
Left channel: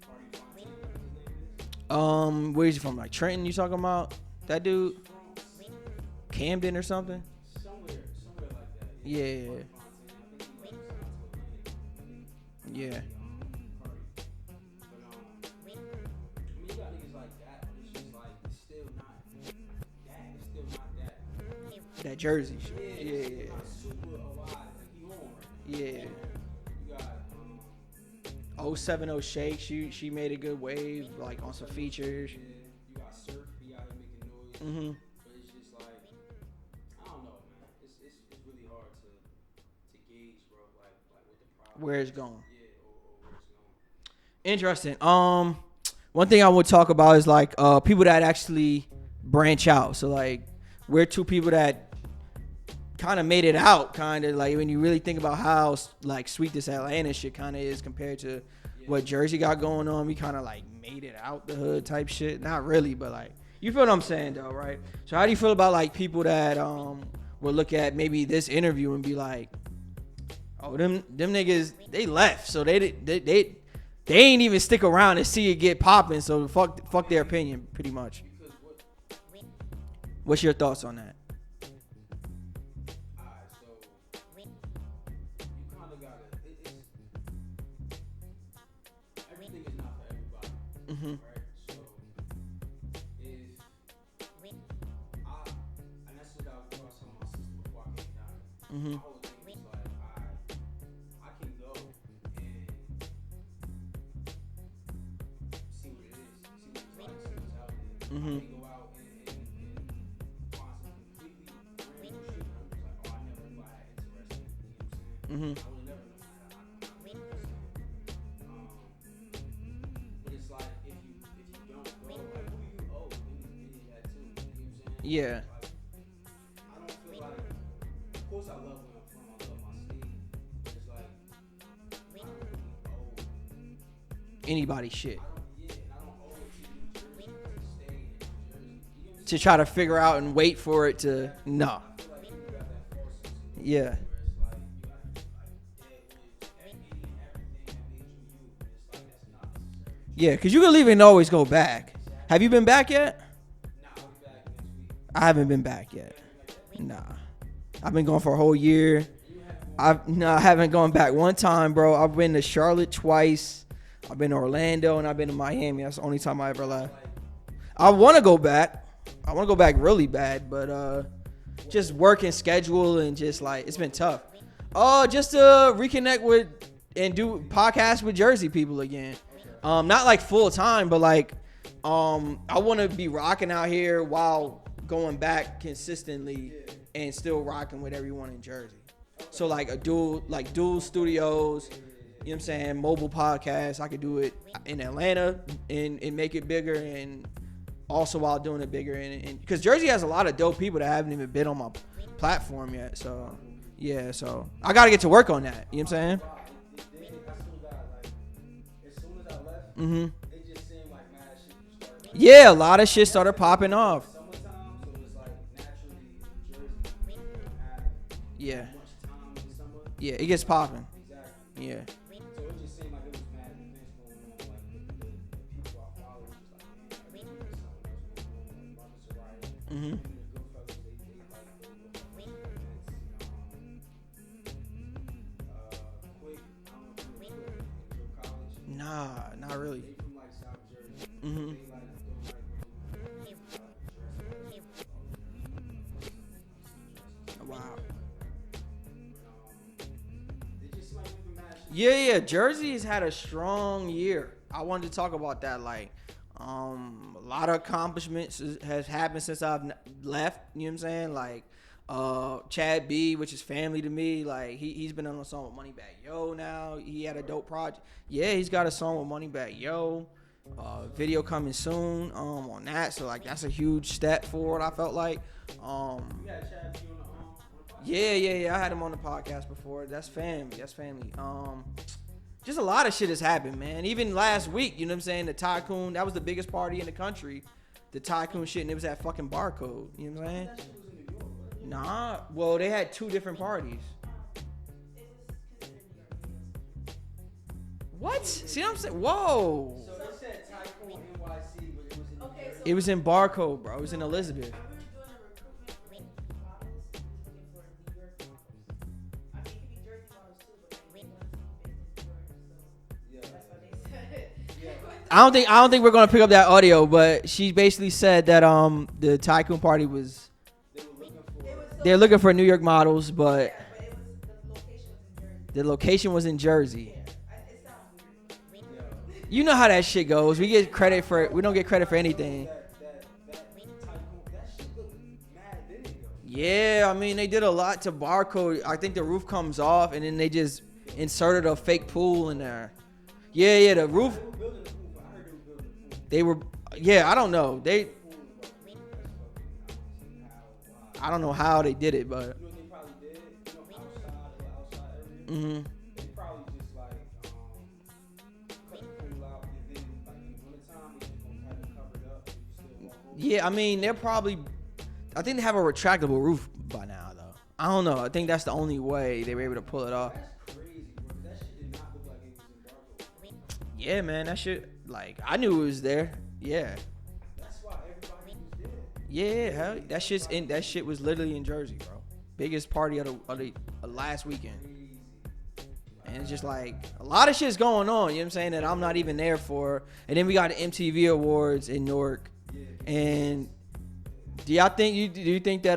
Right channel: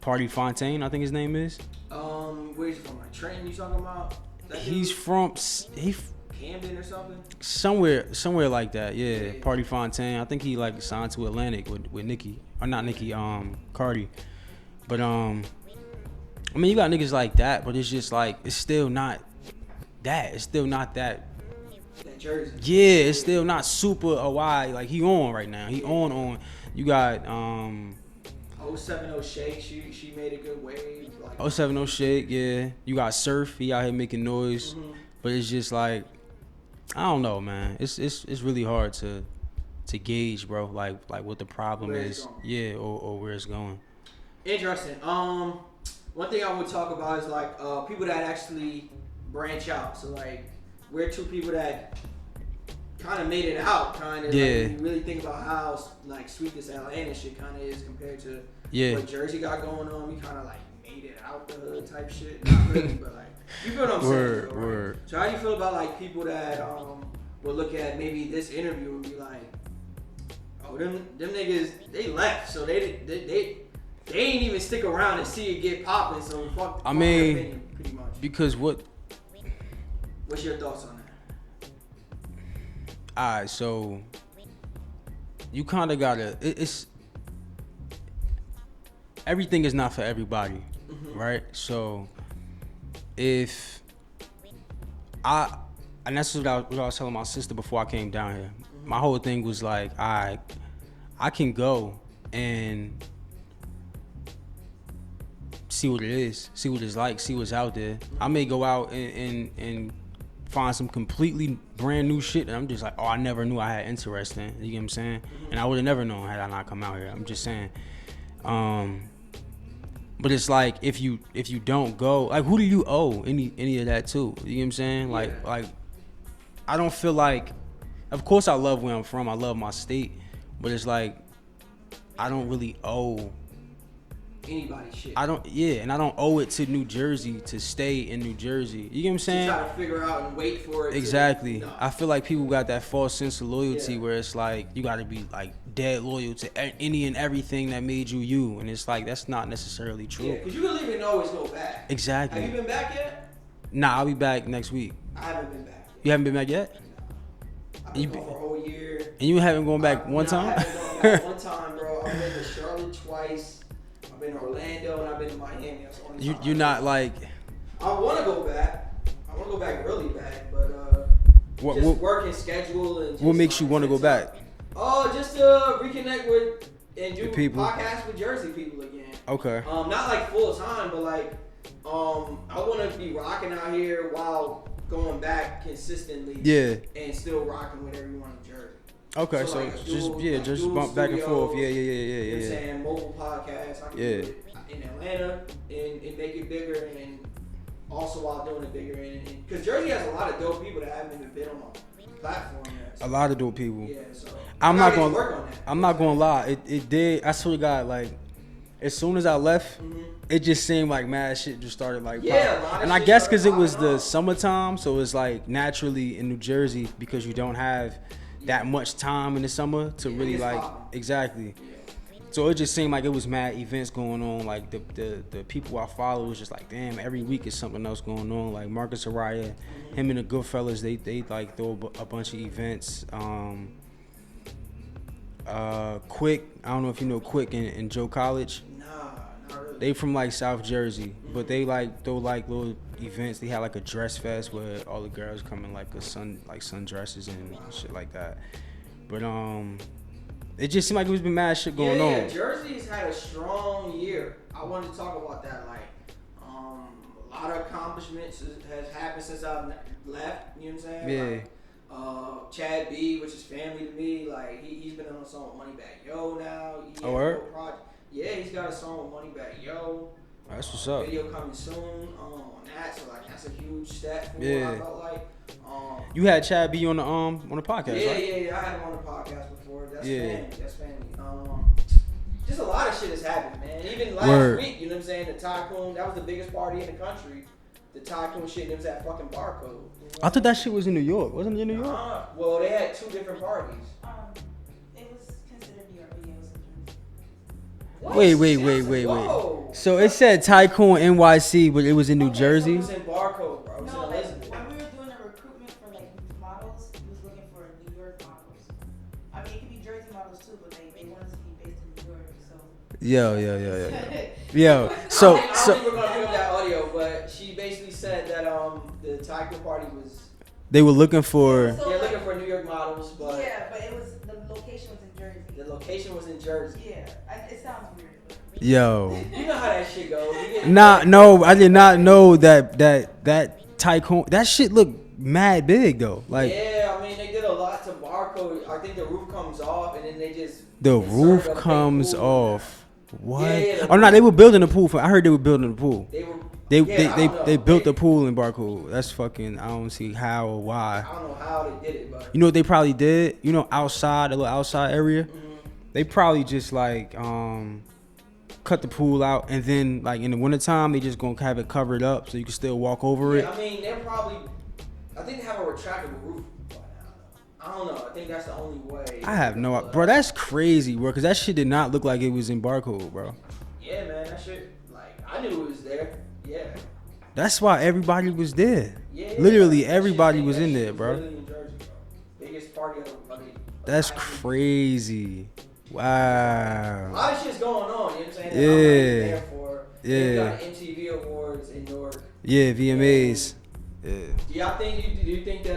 Party Fontaine, I think his name is. Where is he from? Like Trenton? You talking about that dude? He's from Camden or something. Somewhere like that. Yeah. Party Fontaine. I think he like signed to Atlantic with Nicki, or not Nicki. Cardi. But I mean, you got niggas like that, but it's just like it's still not that. It's still not that. That Jersey. Yeah, it's still not super wide. Like he on right now. He on. You got 070 Shake, she made a good wave. Like 070 Shake, yeah. You got Surf, he out here making noise. Mm-hmm. But it's just like, I don't know, man. It's really hard to gauge, bro. Like what the problem is. Yeah, or where it's going. Interesting. One thing I would talk about is like people that actually branch out. So like we're two people that kind of made it out, kind of like when you really think about how like sweet this Atlanta shit kind of is compared to what Jersey got going on. We kind of like made it out the hood type shit. Not really, but like you feel what I'm saying, though, right? Word. So how do you feel about like people that will look at maybe this interview and be like, oh, them niggas, they left, so they they ain't even stick around and see it get popping. So fuck their opinion, pretty much. Because what's your thoughts on that? Alright, so you kind of gotta. It's everything is not for everybody, right? So if and that's what I was telling my sister before I came down here. My whole thing was like, I can go and see what it is, see what it's like, see what's out there. I may go out and find some completely brand new shit and I'm just like, oh, I never knew I had interest in. You get what I'm saying? And I would have never known had I not come out here. I'm just saying. But it's like if you don't go, like who do you owe any of that to? You get what I'm saying? Yeah. Like I don't feel like, of course I love where I'm from, I love my state, but it's like I don't really owe anybody shit. And I don't owe it to New Jersey to stay in New Jersey. You get what I'm saying? To try to figure out and wait for it. Exactly. No. I feel like people got that false sense of loyalty where it's like you got to be like dead loyal to any and everything that made you, and it's like that's not necessarily true. Yeah, because you can leave and always go back. Exactly. Have you been back yet? Nah, I'll be back next week. I haven't been back yet. You haven't been back yet? Nah. I've been going for a whole year. And you haven't gone back one time? I haven't gone back one time, bro. I've been to Charlotte twice. I've been to Orlando, and I've been to Miami. That's the only time You're not like... I want to go back. I want to go back really bad, but just working schedule and just... What makes you want to go back? Oh, just to reconnect with and do podcasts with Jersey people again. Okay. Not like full time, but like I want to be rocking out here while going back consistently. Yeah. And still rocking with everyone in Jersey. Okay. So like a dual, dual studios. Back and forth. Yeah. You know what I'm saying? Mobile podcasts. I could do it in Atlanta and make it bigger, and also while doing it bigger. And because Jersey has a lot of dope people that haven't even been on my platform yet. So. A lot of dope people. Yeah, so I gotta get to work on that. I'm not gonna lie. It did. I swear to God, like as soon as I left, it just seemed like mad shit just started like. Yeah, a lot of shit started popping off. I guess because it was the summertime, so it's like naturally in New Jersey because you don't have that much time in the summer to really it gets like popping. Exactly. Yeah. So it just seemed like it was mad events going on. Like the people I follow was just like, damn, every week is something else going on. Like Marcus Araya, him and the Goodfellas, they like throw a bunch of events. Quick, I don't know if you know Quick and Joe College. Nah, not really. They from like South Jersey, but they like throw like little events. They had like a dress fest where all the girls come in like sundresses and shit like that. But it just seemed like it was been mad shit going on. Yeah, Jersey's had a strong year. I wanted to talk about that. Like, a lot of accomplishments has happened since I've left. You know what I'm saying? Yeah. Like, Chad B, which is family to me. Like, he's been on a song with Moneybagg Yo now. He had a dope project. Yeah, he's got a song with Moneybagg Yo. That's what's up. Video coming soon on that. So like, that's a huge step forward. I felt like. You had Chad B on the podcast. Yeah, right? yeah. I had him on the podcast before. That's family. That's family. Just a lot of shit has happened, man. Even last week, you know what I'm saying? The Tycoon, that was the biggest party in the country. The Tycoon shit, and it was at fucking Barcode. You know I thought that shit was in New York. Wasn't it in New York? Well, they had two different parties. It was considered New York, but What? Wait. Whoa. So it said Tycoon NYC, but it was in New Jersey? It was in Barcode, bro. It was in Elizabeth. When we were doing a recruitment for like models, we was looking for New York models. I mean, it could be Jersey models too, but they wanted to be based in New York, so. Yo. I don't think we're gonna pick up that audio, but she basically said that the Tycoon party was. They were looking for. They're looking for New York models, but. Yeah, but it was the location was in Jersey. The location was in Jersey. Yeah, it sounds weird. Yo. You know how that shit goes. We get. I did not know that Tycoon. That shit looked mad big though. Like. Yeah, I mean they did a lot to Barcode. I think the roof comes off, and then they just. The inserted roof a fake comes pool off. What? Yeah. Oh no, they were building a pool. I heard they were building a pool. They were. I don't know. They built a pool in Barcode. That's fucking. I don't see how or why. I don't know how they did it, but you know what they probably did? You know, outside, a little outside area. Mm-hmm. They probably just like cut the pool out, and then like in the wintertime, they just gonna have it covered up so you can still walk over it. Yeah, I mean they're probably. I think they have a retractable roof by now, though. I don't know. I think that's the only way. I have no idea. Bro, that's crazy, bro, because that shit did not look like it was in Barcode, bro. Yeah, man, that shit. Like I knew it was there. Yeah. That's why everybody was there. Yeah. Literally everybody was in there, bro. Literally in Jersey, bro. Biggest party of the That's crazy. Wow. Like, a lot of shit's going on, you know what I'm saying? And I'm not even there for. And then we got the MTV Awards in Newark. Yeah, VMAs. Do y'all think do you think that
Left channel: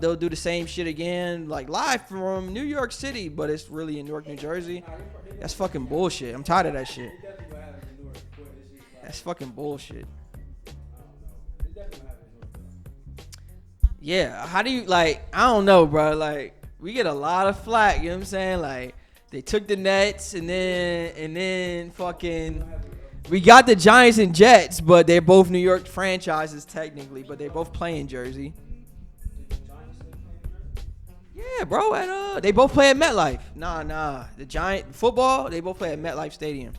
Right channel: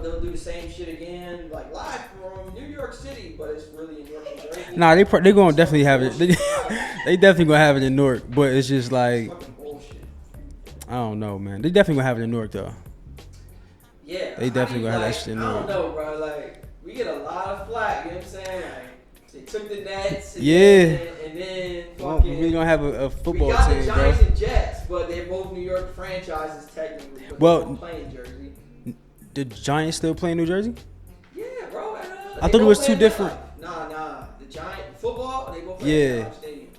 they'll do the same shit again, like live from New York City, but it's really in Newark, New Jersey? Nah, they gonna definitely have it. I'm tired of that shit. They definitely gonna have it in Newark, but it's just like it's fucking bullshit. I don't know, man. They definitely gonna have it in Newark though. Yeah, how do you like? I don't know, bro. Like we get a lot of flack. You know what I'm saying? Like they took the Nets, and then fucking. We gonna have a football we got team, the Giants bro. and Jets, but they're both New York franchises technically, but they both play in Jersey. The Giants still play in New Jersey? Yeah, bro. They both play at MetLife. Nah. The Giant football, they both play at MetLife Stadium.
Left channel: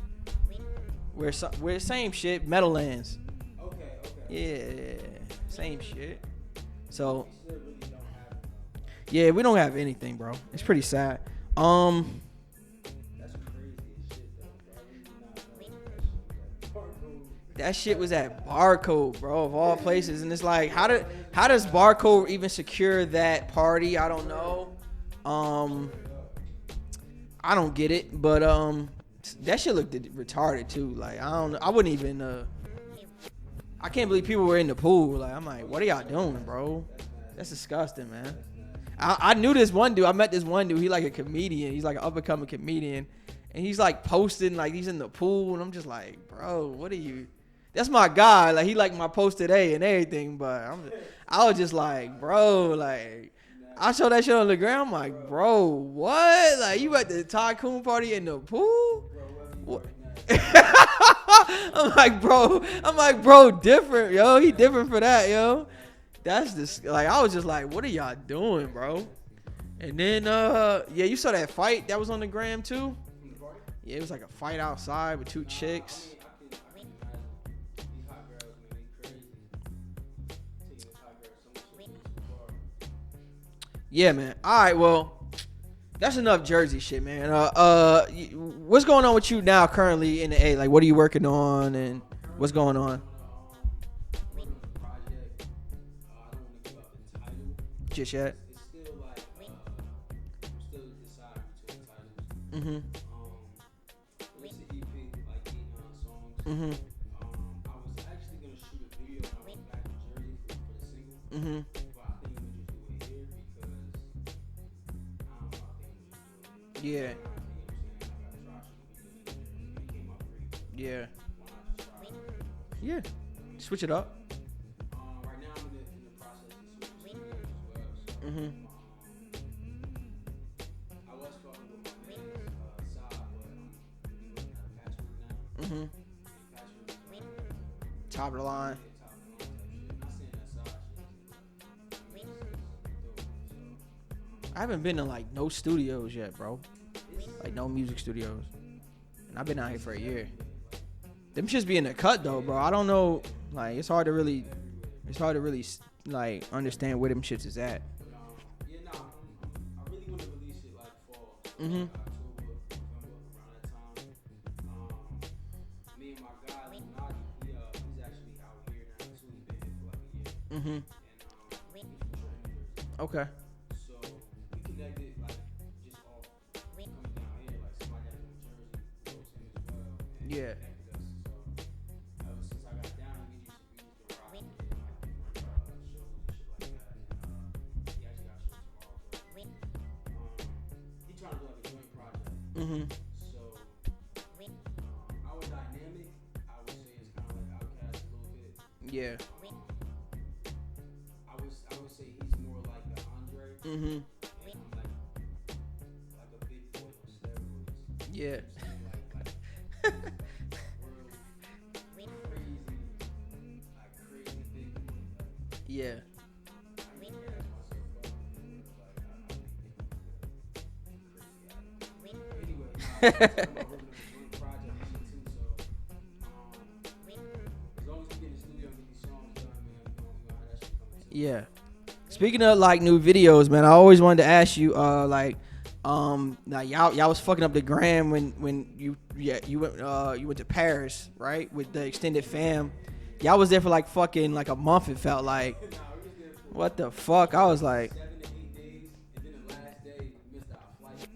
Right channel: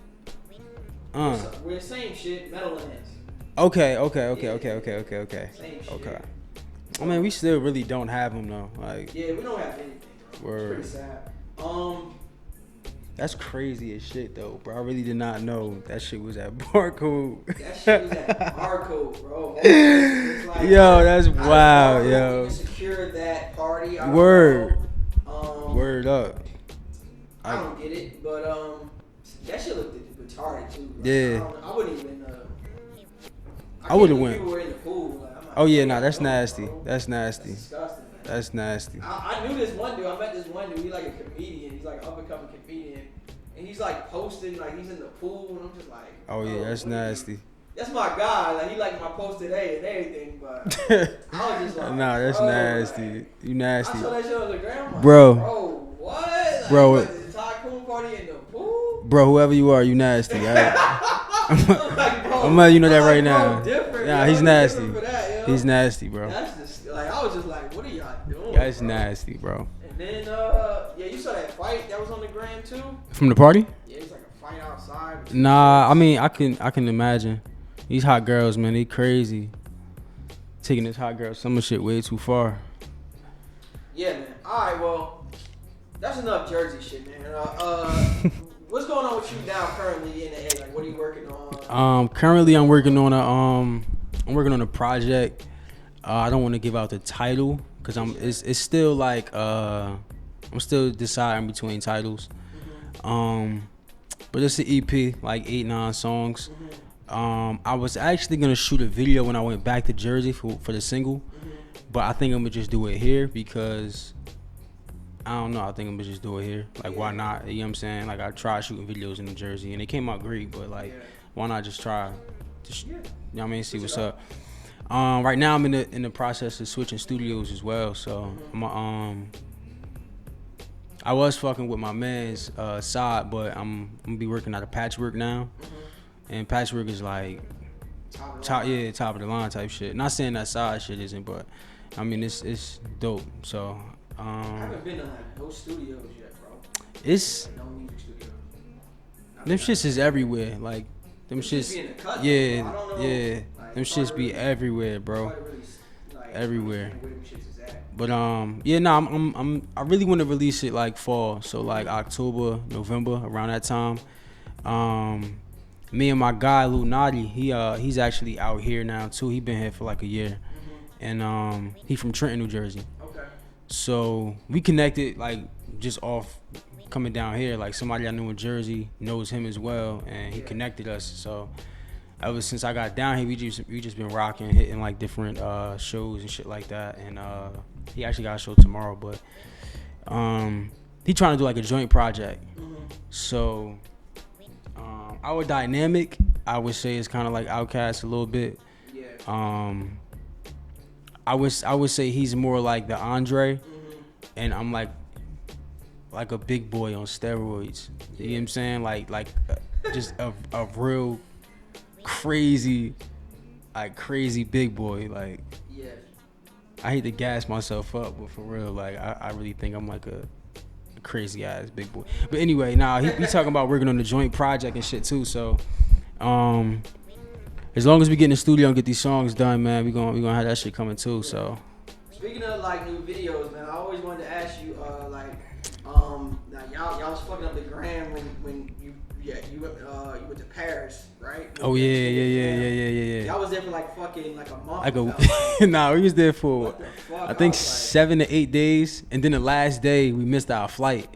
We're the same shit, Meadowlands. Okay. Same shit. Okay. So, I mean, we still really don't have them though. Like, yeah, we don't have anything, bro. Word. It's pretty sad. That's crazy as shit though, bro. I really did not know that shit was at Barcode. That shit was at Barcode, bro. Of all places, and it's like, how does wild, Barcode even secure that party? I don't know. Word up. I don't get it, but that shit looked retarded too. Like, I wouldn't even. I can't believe people were in the pool. Like, I'm like, oh yeah, that's nasty. Bro? That's nasty. That's disgusting, man. That's nasty. I knew this one dude. I met this one dude. He's like a comedian. He's like an up and coming comedian, and he's like posting like he's in the pool, and I'm just like, oh yeah, that's nasty. That's my guy. Like he liked my post today and everything, but I was just like, nah, that's nasty. Like, you nasty. I saw that shit on the ground. I'm like, bro, what? Like you at the tycoon party in the pool? Bro, whoever you are, you nasty. Right? I'm like, bro. I'm letting you know that right now. Bro, different, nah, yo. He's nasty. Different for that, yo. He's nasty, bro. That's just like I was just like, what are y'all doing? That's nasty, bro. And then you saw that fight that was on the gram too. From the party? Yeah, it was like a fight outside. With nah, I mean, I can imagine. These hot girls, man, they crazy. Taking this hot girl summer shit way too far. Yeah, man. All right, well, that's enough Jersey shit, man. What's going on with you now, currently in the A? Like, what are you working on? Currently, I'm working on a project. I don't want to give out the title because it's still like I'm still deciding between titles. Mm-hmm. But it's an EP, like 8-9 songs. Mm-hmm. I was actually gonna shoot a video when I went back to Jersey for the single, but I think I'm gonna just do it here because I don't know. I think I'm gonna just do it here. Like, why not? You know what I'm saying? Like, I tried shooting videos in New Jersey and they came out great, but like, why not just try? You know what I mean? See what's up. Right now I'm in the process of switching studios as well. So I was fucking with my man's side, but I'm gonna be working out of Patchwork now. And Patchwork is like top of the line type shit. Not saying that side shit isn't, but I mean it's dope. So I haven't been to like no studios yet, bro. It's like no music studios. Them shits is everywhere. Like them shits be in the cut though, bro. I don't know. Yeah, like them shits be everywhere, bro. It's hard to really like understand where them shits is at. But I really want to release it like fall, so like October, November, around that time. Me and my guy Lou Nadi, he's actually out here now too. He been here for like a year, and he from Trenton, New Jersey. Okay. So we connected like just off coming down here. Like somebody I knew in Jersey knows him as well, and he connected us. So ever since I got down here, we just been rocking, hitting like different shows and shit like that. And he actually got a show tomorrow, but he trying to do like a joint project. So. Our dynamic, I would say, is kind of like Outkast a little bit. Yeah. I would say he's more like the Andre, and I'm like a big boy on steroids. You know what I'm saying? Like just a real crazy big boy. Like I hate to gas myself up, but for real, like I really think I'm like a crazy ass big boy. But anyway, we talking about working on the joint project and shit too. So as long as we get in the studio and get these songs done, man, we gonna have that shit coming too. So speaking of like new videos, man, I always wanted to ask you like Now y'all was fucking up the gram when you went to Paris, right? With yeah. Y'all was there for like fucking like a month. It felt like. Nah, we was there for what the fuck? I think was like 7 to 8 days, and then the last day we missed our flight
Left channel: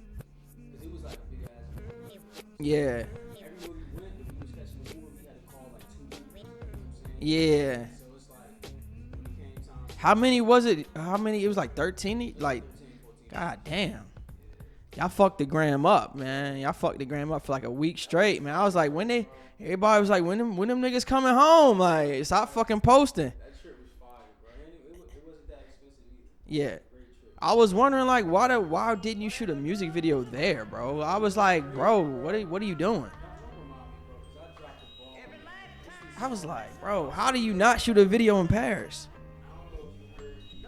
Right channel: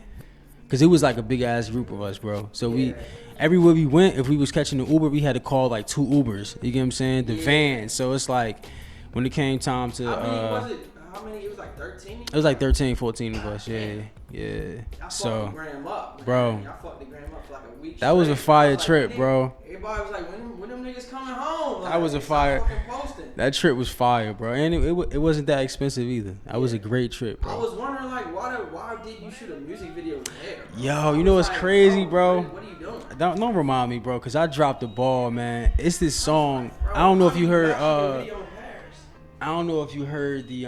because it was like a big ass group of us, bro. So we everywhere we went, if we was catching the Uber, we had to call like 2 Ubers. You get what I'm saying? The van. So it's like. When it came time to... How many was it? How many? It was like 13? It was like 13, 14 of us. Damn. Yeah. Y'all fucked the gram up, man. Bro. Y'all fucked the gram up for like a week straight. That was a fire trip, like, bro. Everybody was like, when them niggas coming home? Like, that was a fire. Stop fucking posting. That trip was fire, bro. And it wasn't that expensive either. That was a great trip, bro. I was wondering, like, why didn't you shoot a music video there, bro? Yo, you know what's crazy, bro? What are you doing? Don't remind me, bro, because I dropped the ball, man. It's this song. Like, bro, I don't know if you heard... not shoot a video in Paris? I don't know if you heard the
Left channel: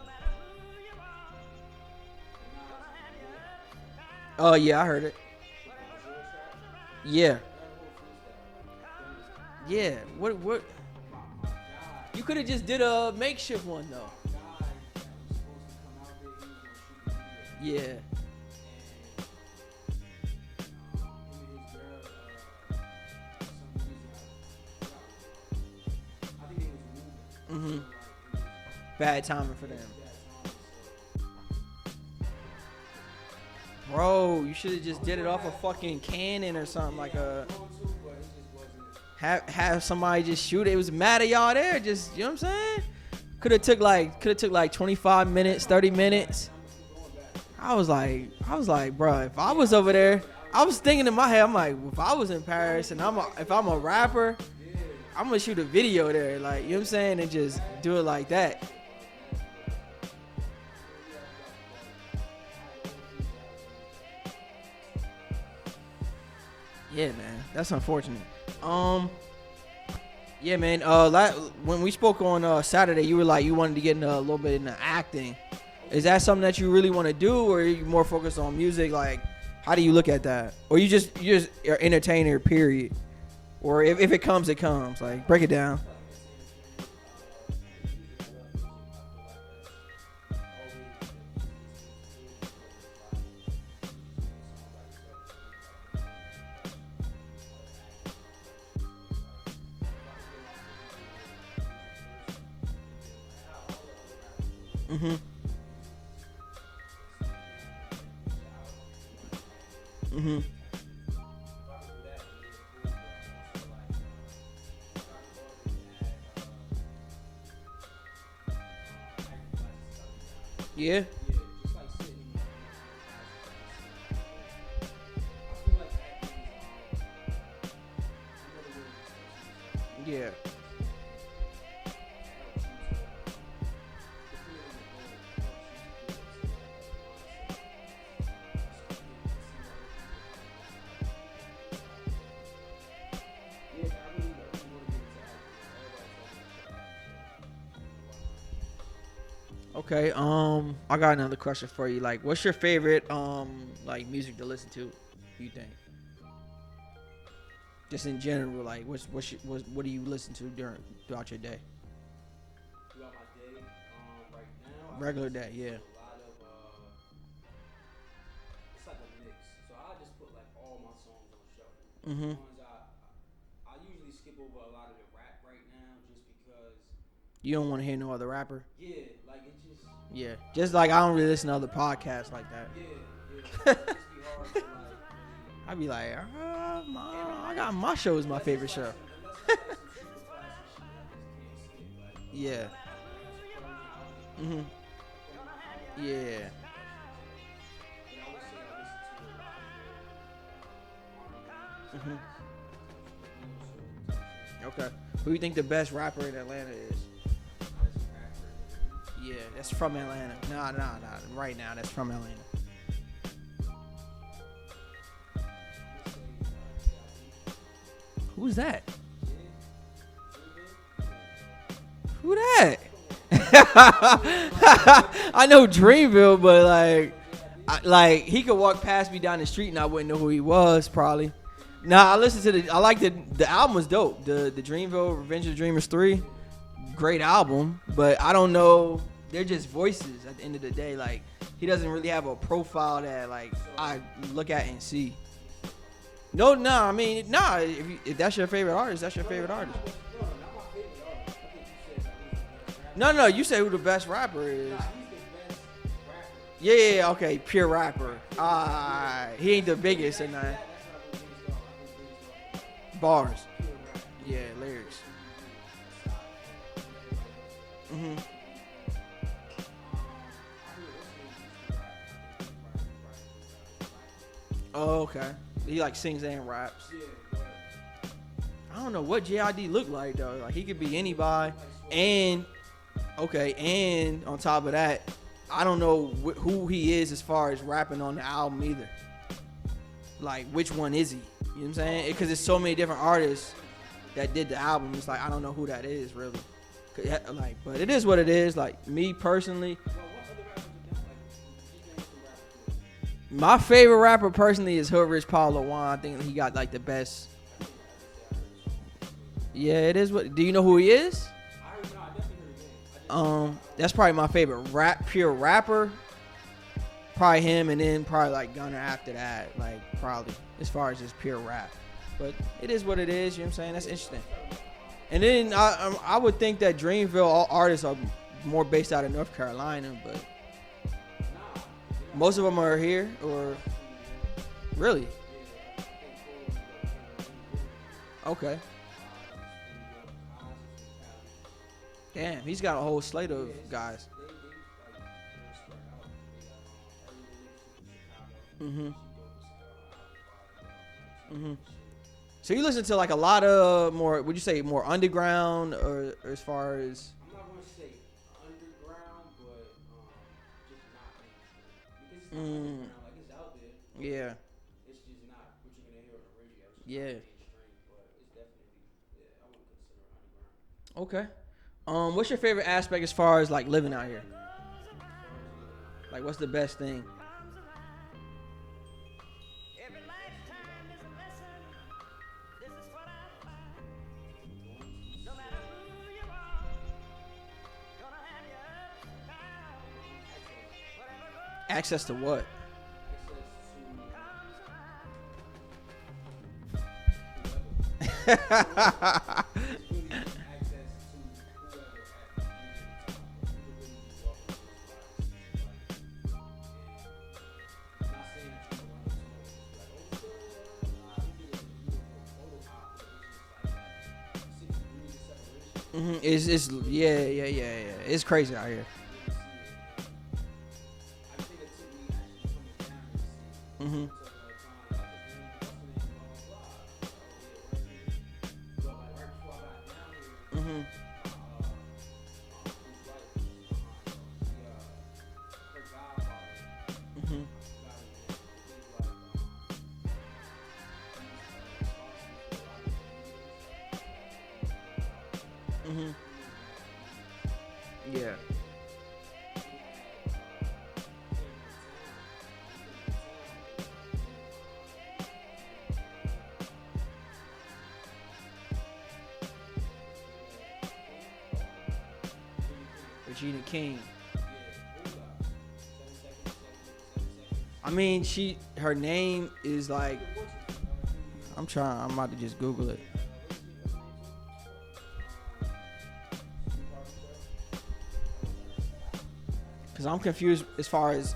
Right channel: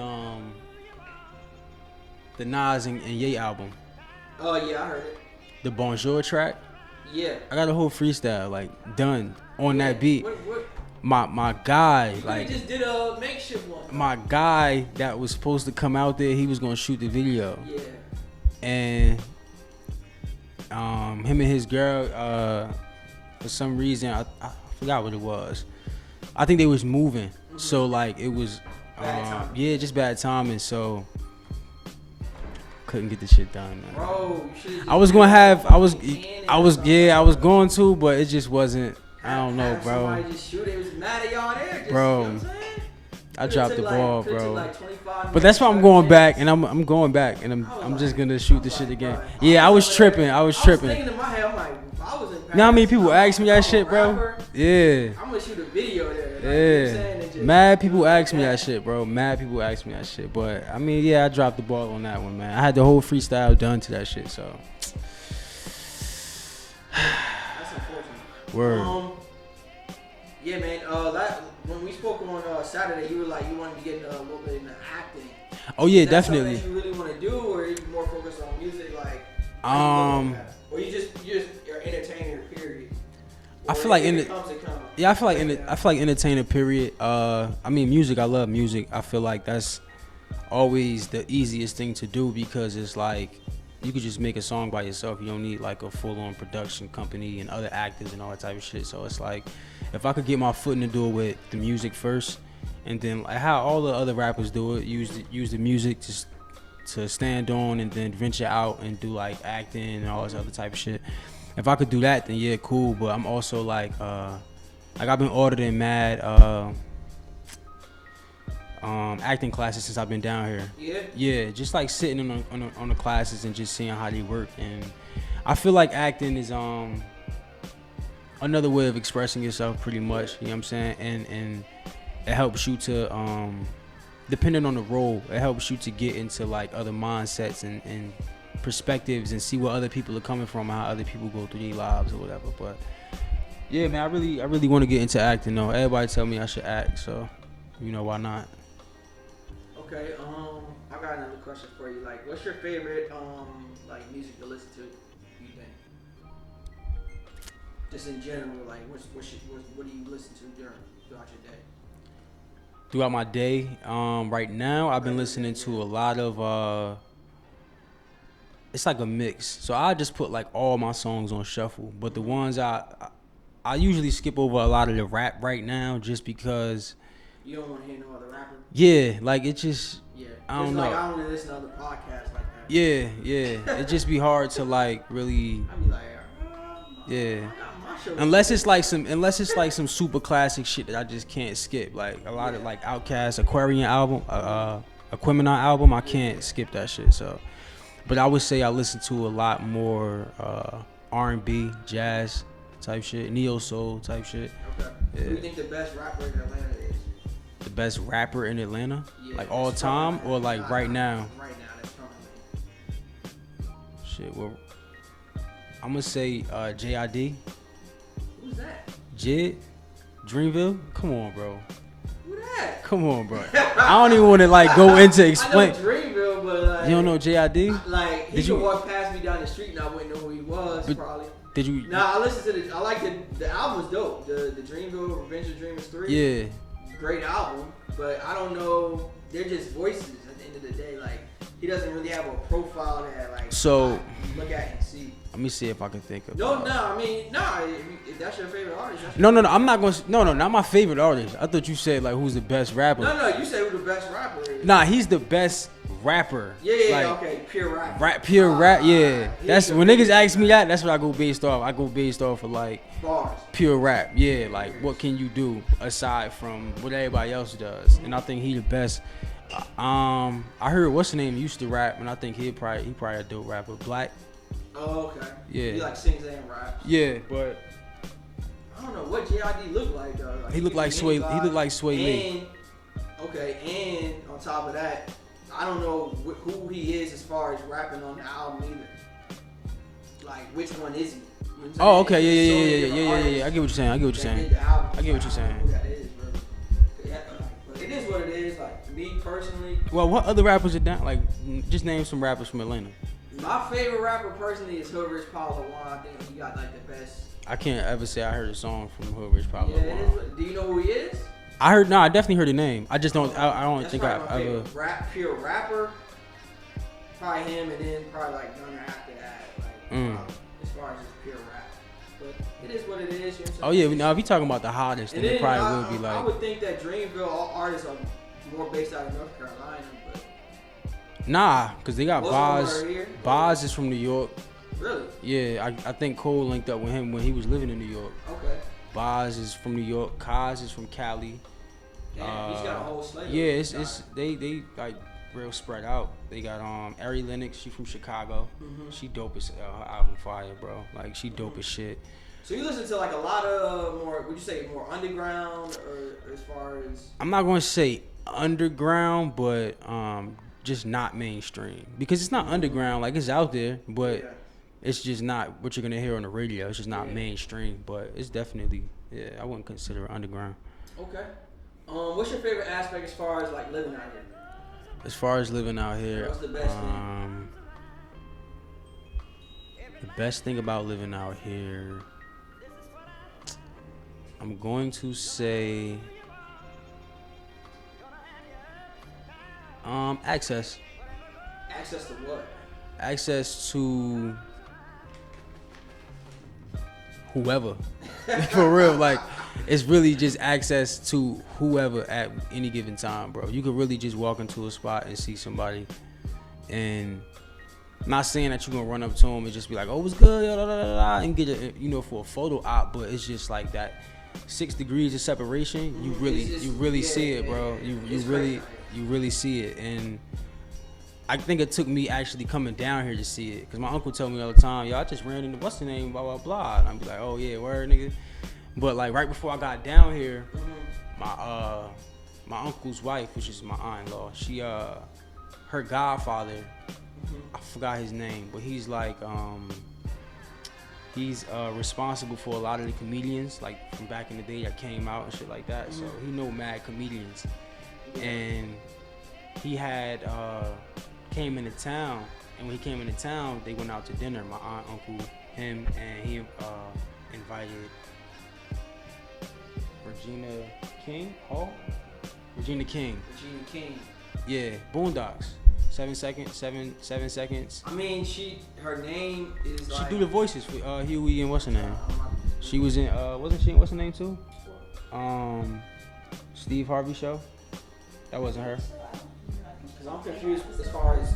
Nas and Ye album. Oh yeah, I heard it. The Bonjour track. Yeah, I got a whole freestyle like done on that beat. What? My guy, you like just did a makeshift one. My guy that was supposed to come out there, he was gonna shoot the video. Yeah. And him and his girl, for some reason, I forgot what it was. I think they was moving, so like it was bad timing. Yeah, just bad timing. So couldn't get the shit done. Bro, you should. I was going to, but it just wasn't. I don't know, bro. Somebody just shoot it. It was mad at y'all there. Just, bro, you know what I'm saying? I dropped the ball, Could have took like 25 minutes. But that's why I'm going back, and I'm going back, and I'm just gonna shoot the shit again. Yeah, I was tripping. I was thinking in my head, I'm like, if I was in Paris, you know how many people ask me that shit, bro? Yeah. I'm gonna shoot a video there. Like, you know what I'm saying? And just mad people ask me that shit, bro. Mad people ask me that shit. But I mean, yeah, I dropped the ball on that one, man. I had the whole freestyle done to that shit, so. Yeah, that's unfortunate. Word. Yeah, man. When we spoke on Saturday, you were like you wanted to get a little bit into acting. Oh yeah, is that definitely. something that you really want to do, or are you more focused on music? Like, how do you look at that? Or you're just an entertainer, period. Or I feel if it comes, it comes. Yeah, I feel like entertainer, period. I mean, music. I love music. I feel like that's always the easiest thing to do because it's like you could just make a song by yourself. You don't need like a full-on production company and other actors and all that type of shit. So it's like, if I could get my foot in the door with the music first, and then like how all the other rappers do it, use the music to stand on, and then venture out and do like acting and all this other type of shit. If I could do that, then yeah, cool. But I'm also like I've been ordered in mad acting classes since I've been down here. Yeah, just like sitting on the classes and just seeing how they work. And I feel like acting is another way of expressing yourself, pretty much. You know what I'm saying? And it helps you to depending on the role, it helps you to get into like other mindsets and perspectives and see where other people are coming from, how other people go through their lives or whatever. But yeah, man, I really want to get into acting though. Everybody tell me I should act, so you know, why not? Okay, I got another question for you. Like, what's your favorite like music to listen to? You think? Just in general, like, what do you listen to throughout your day? Throughout my day, right now I've been listening to a lot of it's like a mix. So I just put like all my songs on shuffle, but the ones I usually skip over a lot of the rap right now just because you don't want to hear no other rapper. Yeah, like it just I don't really listen to other podcasts like that. Yeah, it just be hard to like really. I'd be like, I got my show. Unless it's like some super classic shit that I just can't skip. Like a lot of like Outkast Aquarian album, Aquemini album, I can't skip that shit. So, but I would say I listen to a lot more R&B, jazz type shit, neo soul type shit. Okay. Yeah. Who do you think the best rapper in Atlanta is? The best rapper in Atlanta? Yeah, like all time or like right now? Right now, that's from Atlanta. Shit, well, I'm gonna say JID. Who's that? Jid? Dreamville? Come on, bro. Who that? Come on, bro. I don't even want to like go into explain. I know Dreamville, but like you don't know JID? He could walk past me down the street and I wouldn't know who he was. Probably. Did you? Nah, I listened to I like the album was dope. The Dreamville Revenge of the Dreamers 3. Yeah. Great album, but I don't know. They're just voices at the end of the day. Like he doesn't really have a profile that like So I look at and see. Let me see if I can think of. If that's your favorite artist, that's your No, favorite I'm not going to. No, not my favorite artist. I thought you said like who's the best rapper. No, you say who the best rapper is. Nah, he's the best rapper. Yeah, okay, pure rapper. Pure rap, yeah. That's when niggas ask me that. that's what I go based off. I go based off of like bars. Pure rap, yeah. Like what can you do aside from what everybody else does? And I think he the best. I heard what's the name used to rap, and I think he probably a dope rapper. Black. Oh, okay. Yeah. He like sings and raps. Yeah, but I don't know what JID looked like though. Like, he looked like Sway. He looked like Sway Lee. And on top of that, I don't know who he is as far as rapping on the album either. Like which one is he? You know what I'm saying? Oh, okay, yeah. I get what you're saying. That did the album. I don't know who that is really. But it is what it is. Like me personally. Well, what other rappers are down? Like, just name some rappers from Atlanta. My favorite rapper personally is Hood Rich Paulo Juan. I think he got like the best. I can't ever say I heard a song from Hood Rich Paulo. Yeah, it is. What? Do you know who he is? I definitely heard the name. I just don't. I don't. That's probably my favorite pure rapper. Probably him, and then probably like Gunner after that. Like probably as far as just pure rap. But it is what it is. You know what I'm saying? Oh yeah, now if you're talking about the hottest, and then probably I would think that Dreamville all artists are more based out of North Carolina, but nah, because they got most of them are here. Boz is from New York. Really? Yeah, I think Cole linked up with him when he was living in New York. Okay. Boz is from New York. Kaz is from Cali. Damn, he's got a whole slate. Yeah, it's they like real spread out. They got Ari Lennox. She from Chicago. Mm-hmm. She dope as her album fire, bro. Like she dope as shit. So you listen to like a lot of more. Would you say more underground, or as far as? I'm not going to say underground, but just not mainstream because it's not underground. Like it's out there, but it's just not what you're gonna hear on the radio. It's just not mainstream, but it's definitely I wouldn't consider it underground. Okay. What's your favorite aspect as far as like living out here? As far as living out here, what's the best thing? The best thing about living out here, I'm going to say access. Access to what? Access to whoever. For real, like it's really just access to whoever at any given time, bro. You could really just walk into a spot and see somebody, and I'm not saying that you're gonna run up to them and just be like, "Oh, what's good?" and get it, for a photo op, but it's just like that 6 degrees of separation. You really see it, bro. It's crazy out here. You really see it, and I think it took me actually coming down here to see it, because my uncle told me all the time, "Yo, I just ran into what's the name, blah blah blah." And I'm like, "Oh yeah, word, nigga." But like right before I got down here, my uncle's wife, which is my aunt-in-law, she her godfather, I forgot his name, but he's like he's responsible for a lot of the comedians like from back in the day that came out and shit like that. So he know mad comedians, and he had came into town, and when he came into town, they went out to dinner. My aunt, uncle, him, and he invited Regina King. Yeah, Boondocks. 7 seconds. I mean, her name is like. She do the voices for Huey and what's her name. I'm about to just Google. She was in wasn't she? What's her name too? Steve Harvey show. That wasn't her. Cause I'm confused as far as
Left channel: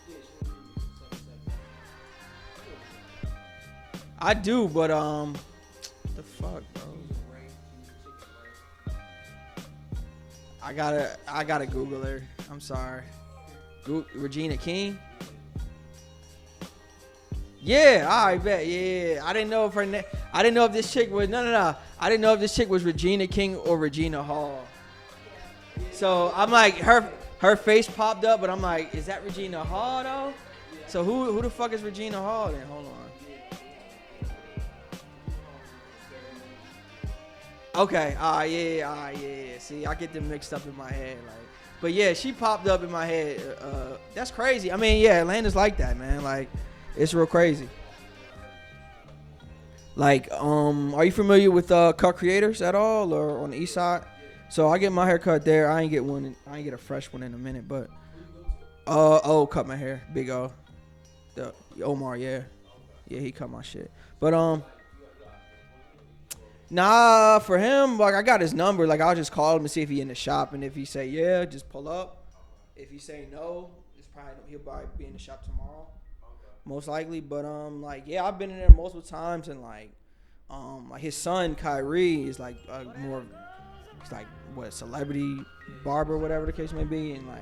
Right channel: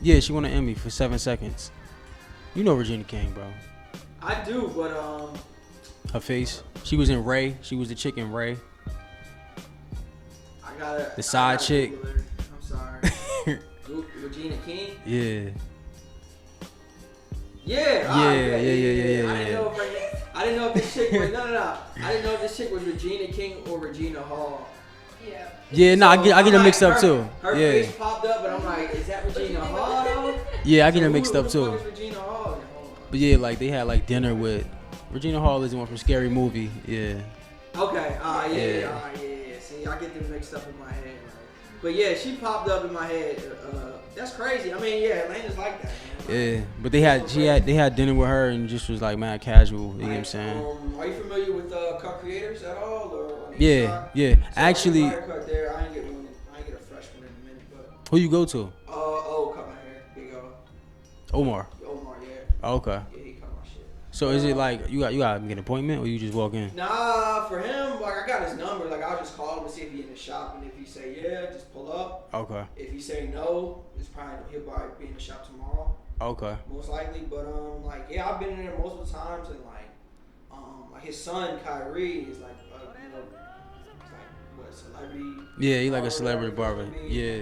Yeah, she won an Emmy for 7 seconds. You know Regina King, bro. I do, but her face. She was in Ray. She was the chick in Ray. The side chick. Google her. I'm sorry. Regina King. Yeah. Yeah. I didn't know if her name. I didn't know if this chick was no. I didn't know if this chick was Regina King or Regina Hall. Yeah, no, so I get it mixed up too. Her face popped up, but I'm like, is that Regina Hall though? Yeah, I get it mixed up too. Who the fuck is Regina Hall then? Hold on. But yeah, like they had like dinner with Regina Hall is the one from Scary Movie. Yeah. Okay. Yeah. See, I get them mixed up in my head. But yeah, she popped up in my head. That's crazy. I mean, yeah, Atlanta's like that, man. Like, yeah, but they had dinner with her and just was like mad casual. Like, are you familiar with Cut Creators at all, or on the east side? Yeah. So actually, I get my hair cut there. I ain't get a fresh one in a minute, but who you go to? Cut my hair, Big O. Omar. Omar, yeah. Okay. Yeah, he cut my shit. So is it like you got to get an appointment or you just walk in? Nah, for him, like I got his number. Like I'll just call him and see if he in the shop, and if he say yeah, just pull up. Okay. If he say no, he'll probably be in the shop tomorrow. Okay. Most likely, but like yeah, I've been in there multiple times, and like his son Kyrie is like more, he's like what, celebrity? Yeah, he's like a celebrity barber. Yeah.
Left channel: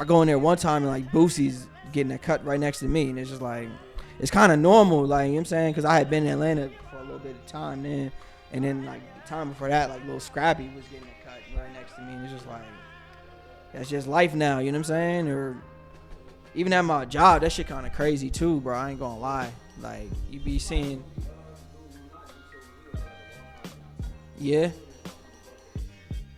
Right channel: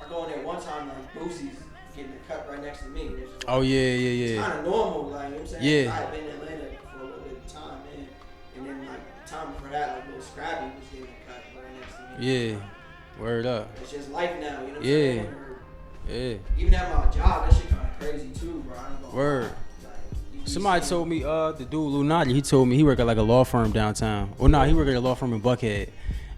I go in there one time and like Boosie's getting a cut right next to me, and it's just like, oh yeah. It's kind of normal, like, you know what I'm saying? Because Yeah. I had been in Atlanta for a little bit of time then, and then like the time before that, like little Scrappy was getting a cut right next to me. Yeah. Like, Word up. that's just life now, you know what I'm saying? Or yeah. even at my job, that shit kind of crazy too, bro. I ain't gonna lie. Like, you be somebody seeing, told me the dude Lunati, he told me he worked at like a law firm downtown. Well, he worked at a law firm in Buckhead.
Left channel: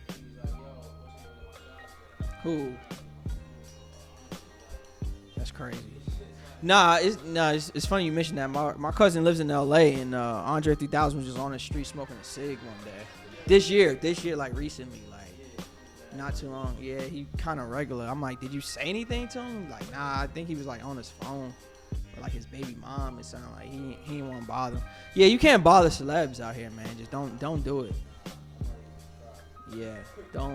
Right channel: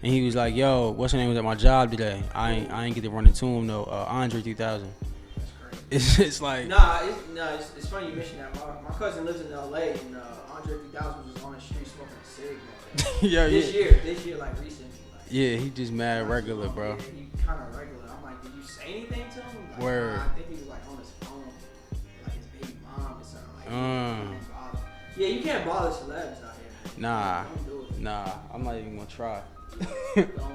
And he was like, yo, what's your name was at my job today? I ain't get to run into him though. Andre 3000. That's crazy. It's like It's funny you mentioned that. My cousin lives in L.A. and Andre 3000 was just on the street smoking a cig one day. yeah, this year, like recently. Like, yeah, he just mad regular, bro. Yeah, he kind of regular. I'm like, did you say anything to him? Like, Word. nah, I think he was like on his phone, like his baby mom. It sounded like he didn't want to bother. Yeah, you can't bother celebs out here, man. Nah, don't do it. Nah, I'm not even gonna try. Yeah, don't.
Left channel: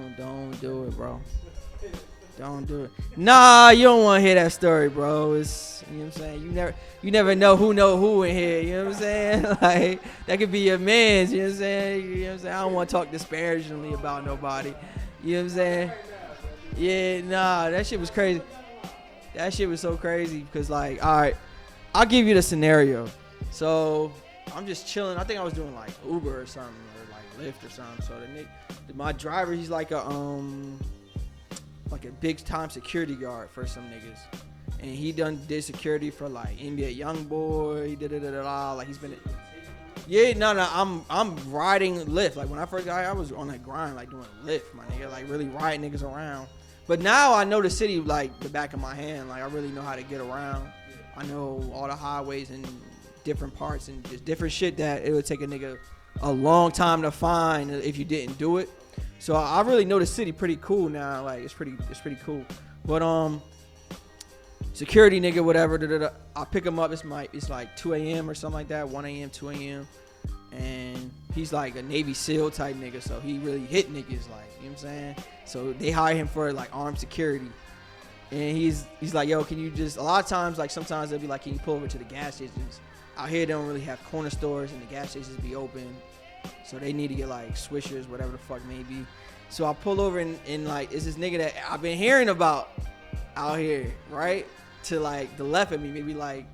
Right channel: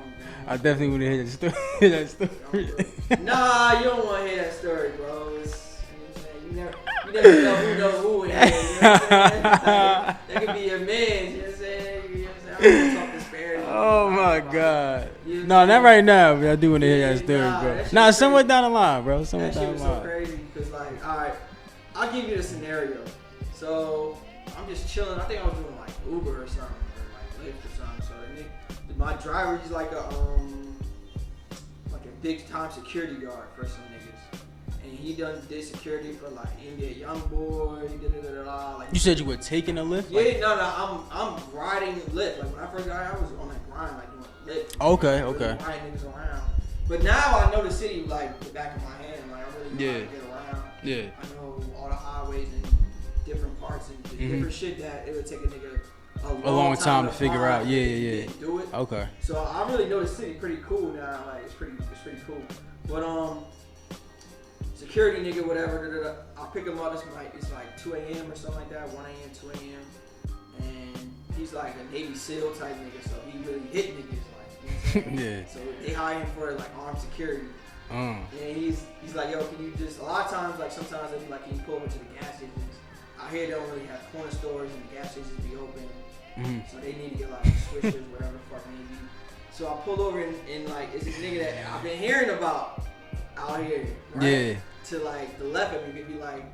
I definitely want to hear that story. Don't do it. Nah, you don't want to hear that story, bro. It's, you know what I'm saying? You never know who in here. You know what I'm saying? Like, that could be your man's. You know what I'm saying? You know what I'm saying? I don't want to talk disparagingly. Oh my god. You know no, not right now. But I do want to hear that story. Nah, bro. that shit nah, was somewhere crazy. down the line, bro. That shit was so crazy because, like, all right, I'll give you the scenario. So I'm just chilling. I think I was doing like Uber or something, or like Lyft or something. So my driver, he's like a big time security guard for some niggas, and he did security for like NBA YoungBoy. He did like you said you were taking a Lyft? Yeah, no, I'm riding Lyft. Like when I first got here, I was on that grind, like doing Lyft. Okay, like, okay. Really riding niggas around. But now I know the city like the back of my hand. Like I really know how to get around. Yeah. I know all the highways and different parts and different shit that it would take a nigga a long time to figure out if you didn't do it. Okay. So I really know the city pretty cool now. Like it's pretty cool. But security nigga, whatever. I pick him up. It's like 2 a.m. or something like that. 1 a.m., 2 a.m. And he's like a Navy SEAL type nigga. So he really hit niggas. Like, you know what I'm saying? Yeah. So they hire him for like armed security. And he's like, yo, can you just? A lot of times, like sometimes they'll be like, can you pull over to the gas stations? Out here, they don't really have corner stores and the gas stations be open. So they need to get like swishers, whatever the fuck may be. So I pull over and like, it's this nigga that I've been hearing about out here, right? Yeah. To like the left of me, maybe like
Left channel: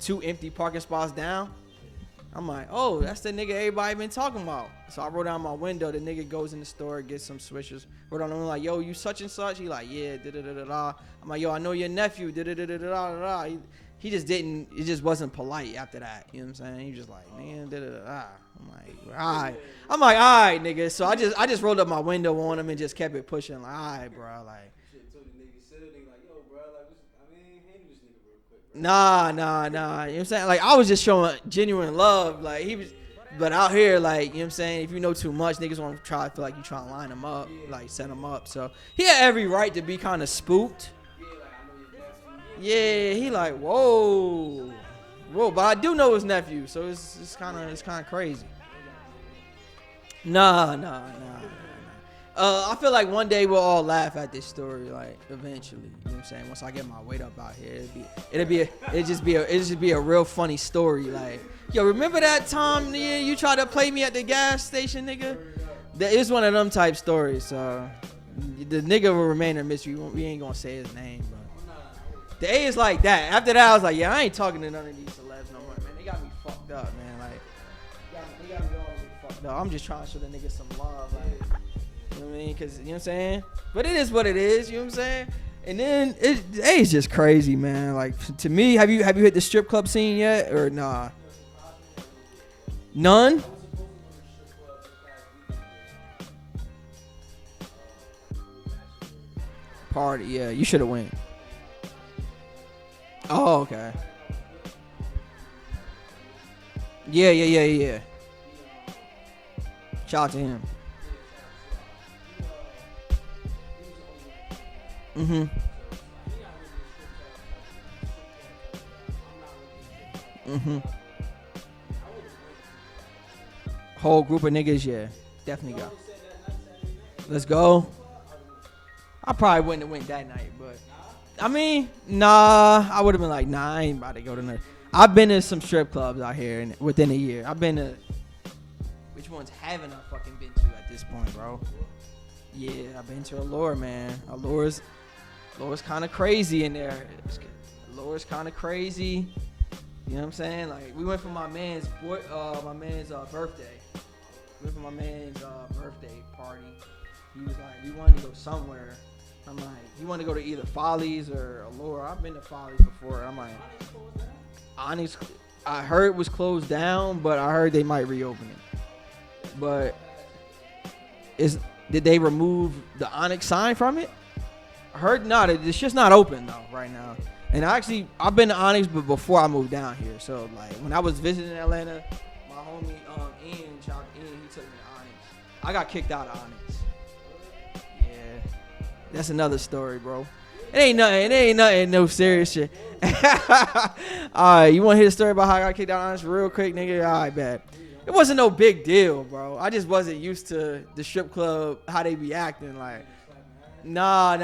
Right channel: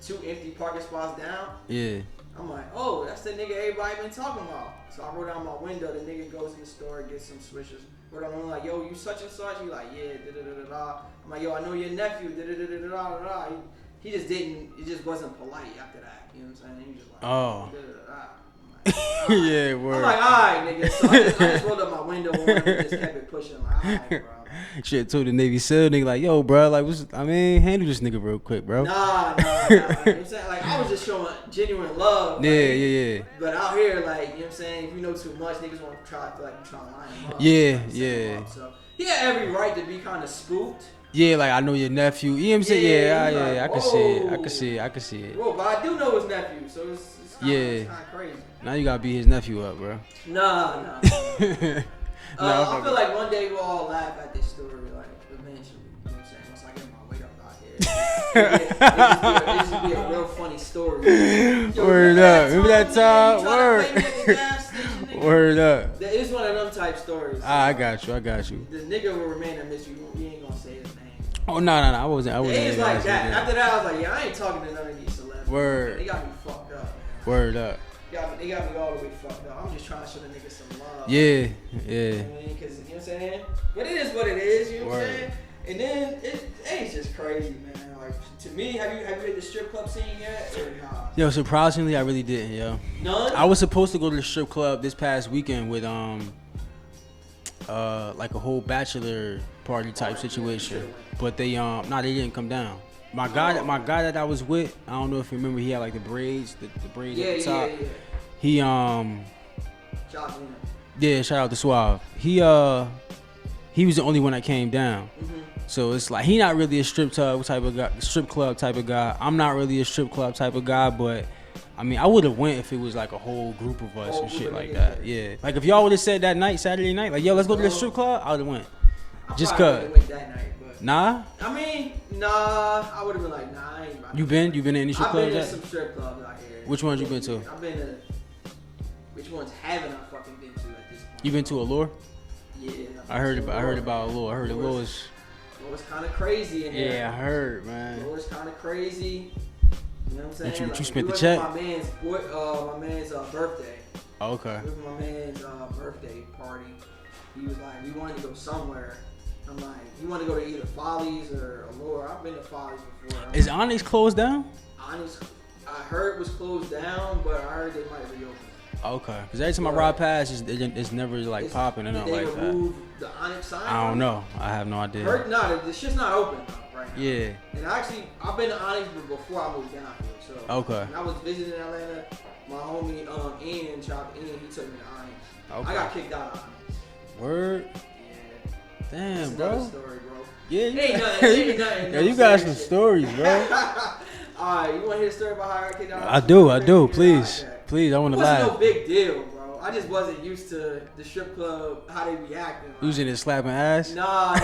2 empty parking spots down. Yeah. I'm like, oh, that's the nigga everybody been talking about. So I roll down my window. The nigga goes in the store, gets some swishers. Roll down, I'm like, yo, you such and such? He like, yeah, da-da-da-da-da. I'm like, yo, I know your nephew, da-da-da-da-da-da. He just didn't, it just wasn't polite after that. You know what I'm saying? He was just like, da-da-da-da. I'm like, yeah, word. I'm like, all right, nigga. So I just rolled up my window on him and just kept it pushing. I'm like, all right, bro. Like, shit, told the Navy SEAL nigga like, yo, bro, like, handle this nigga real quick, bro. Nah. You know what I'm saying? Like, I was just showing genuine love. Yeah, like, yeah. But out here, like, you know what I'm saying? If you know too much, niggas want to try to feel like you trying to line them up. Yeah, like, set yeah. them up. So he had every right to be kind of spooked. Yeah, like, I know your nephew. You know what I'm saying? Yeah, I can see it. Bro, but I do know his nephew, so it's kind of crazy. Now you gotta beat his nephew up, bro. Nah. I feel like one day we'll all laugh at this story, like, eventually. You know what I'm saying? Once I get my weight up out here. It'll just be a real funny story. Yo, remember that time? You tried to play me at the gas station, nigga? Word up. That is one of them type stories. So I got you. The nigga will remain a mystery. We ain't gonna say his name. Oh, no. I wasn't. The age like that. After that, I was like, yeah, I ain't talking to none of these celebrities. Word. They got me fucked up, man. Like, Word up. They got me all the way fucked up. I'm just trying to show the niggas some love. Yeah. You know what I mean? Cause, you know what I'm saying? But it is what it is. You know what I'm saying? And then it's just crazy, man. Like, to me, have you hit the strip club scene yet or nah? Yo, surprisingly, I really didn't, yo. None? I was supposed to go to the strip club this past weekend with like a whole bachelor party type situation. Yeah, you should have went. But they they didn't come down. My guy that I was with, I don't know if you remember, he had like the braids, the braids. Yeah. He shout out to him. Yeah, shout out to Suave. He was the only one that came down. Mm-hmm. So it's like he not really a strip club type of guy. I'm not really a strip club type of guy, but I mean, I would have went if it was like a whole group of us. Whole group of niggas, like yeah. Like if y'all would have said that night, Saturday night, like yo, let's go to the strip club, I would have went. I probably wouldn't have went that night, but nah. I mean, nah. I would have been like, nah. I ain't about to You been to any? I've been to some strip clubs out here. Which ones you been to? I've been to. Which ones haven't I fucking been to at this point? You been to Allure? Yeah, I heard about Allure. I heard Allure's kind of crazy in there. Yeah, I heard, man. Allure's kind of crazy. You know what I'm saying? You spent the check? My man's birthday. Oh, okay. It was my man's birthday party. He was like, we wanted to go somewhere. I'm like, you want to go to either Follies or Allure? I've been to Follies before. Is Onyx closed down? Onyx, I heard was closed down, but I heard they might reopen it. Okay, because every time I ride past, it's never like popping. Did they remove the Onyx sign from it? I don't know. I have no idea. Heard not. It's just not open though right now. Yeah. And actually, I've been to Onyx, but before I moved down here. So okay. When I was visiting Atlanta, my homie Ian, he took me to Onyx. Okay. I got kicked out of Onyx. Word. Damn, that's another story, bro. Yeah, it ain't nothing. No you serious got some shit. Stories, bro. All right, you want to hear the story about how I got kicked out? I do. Please, I want to. It wasn't no big deal, bro. I just wasn't used to the strip club, how they be acting. Like, using it slapping ass. Nah.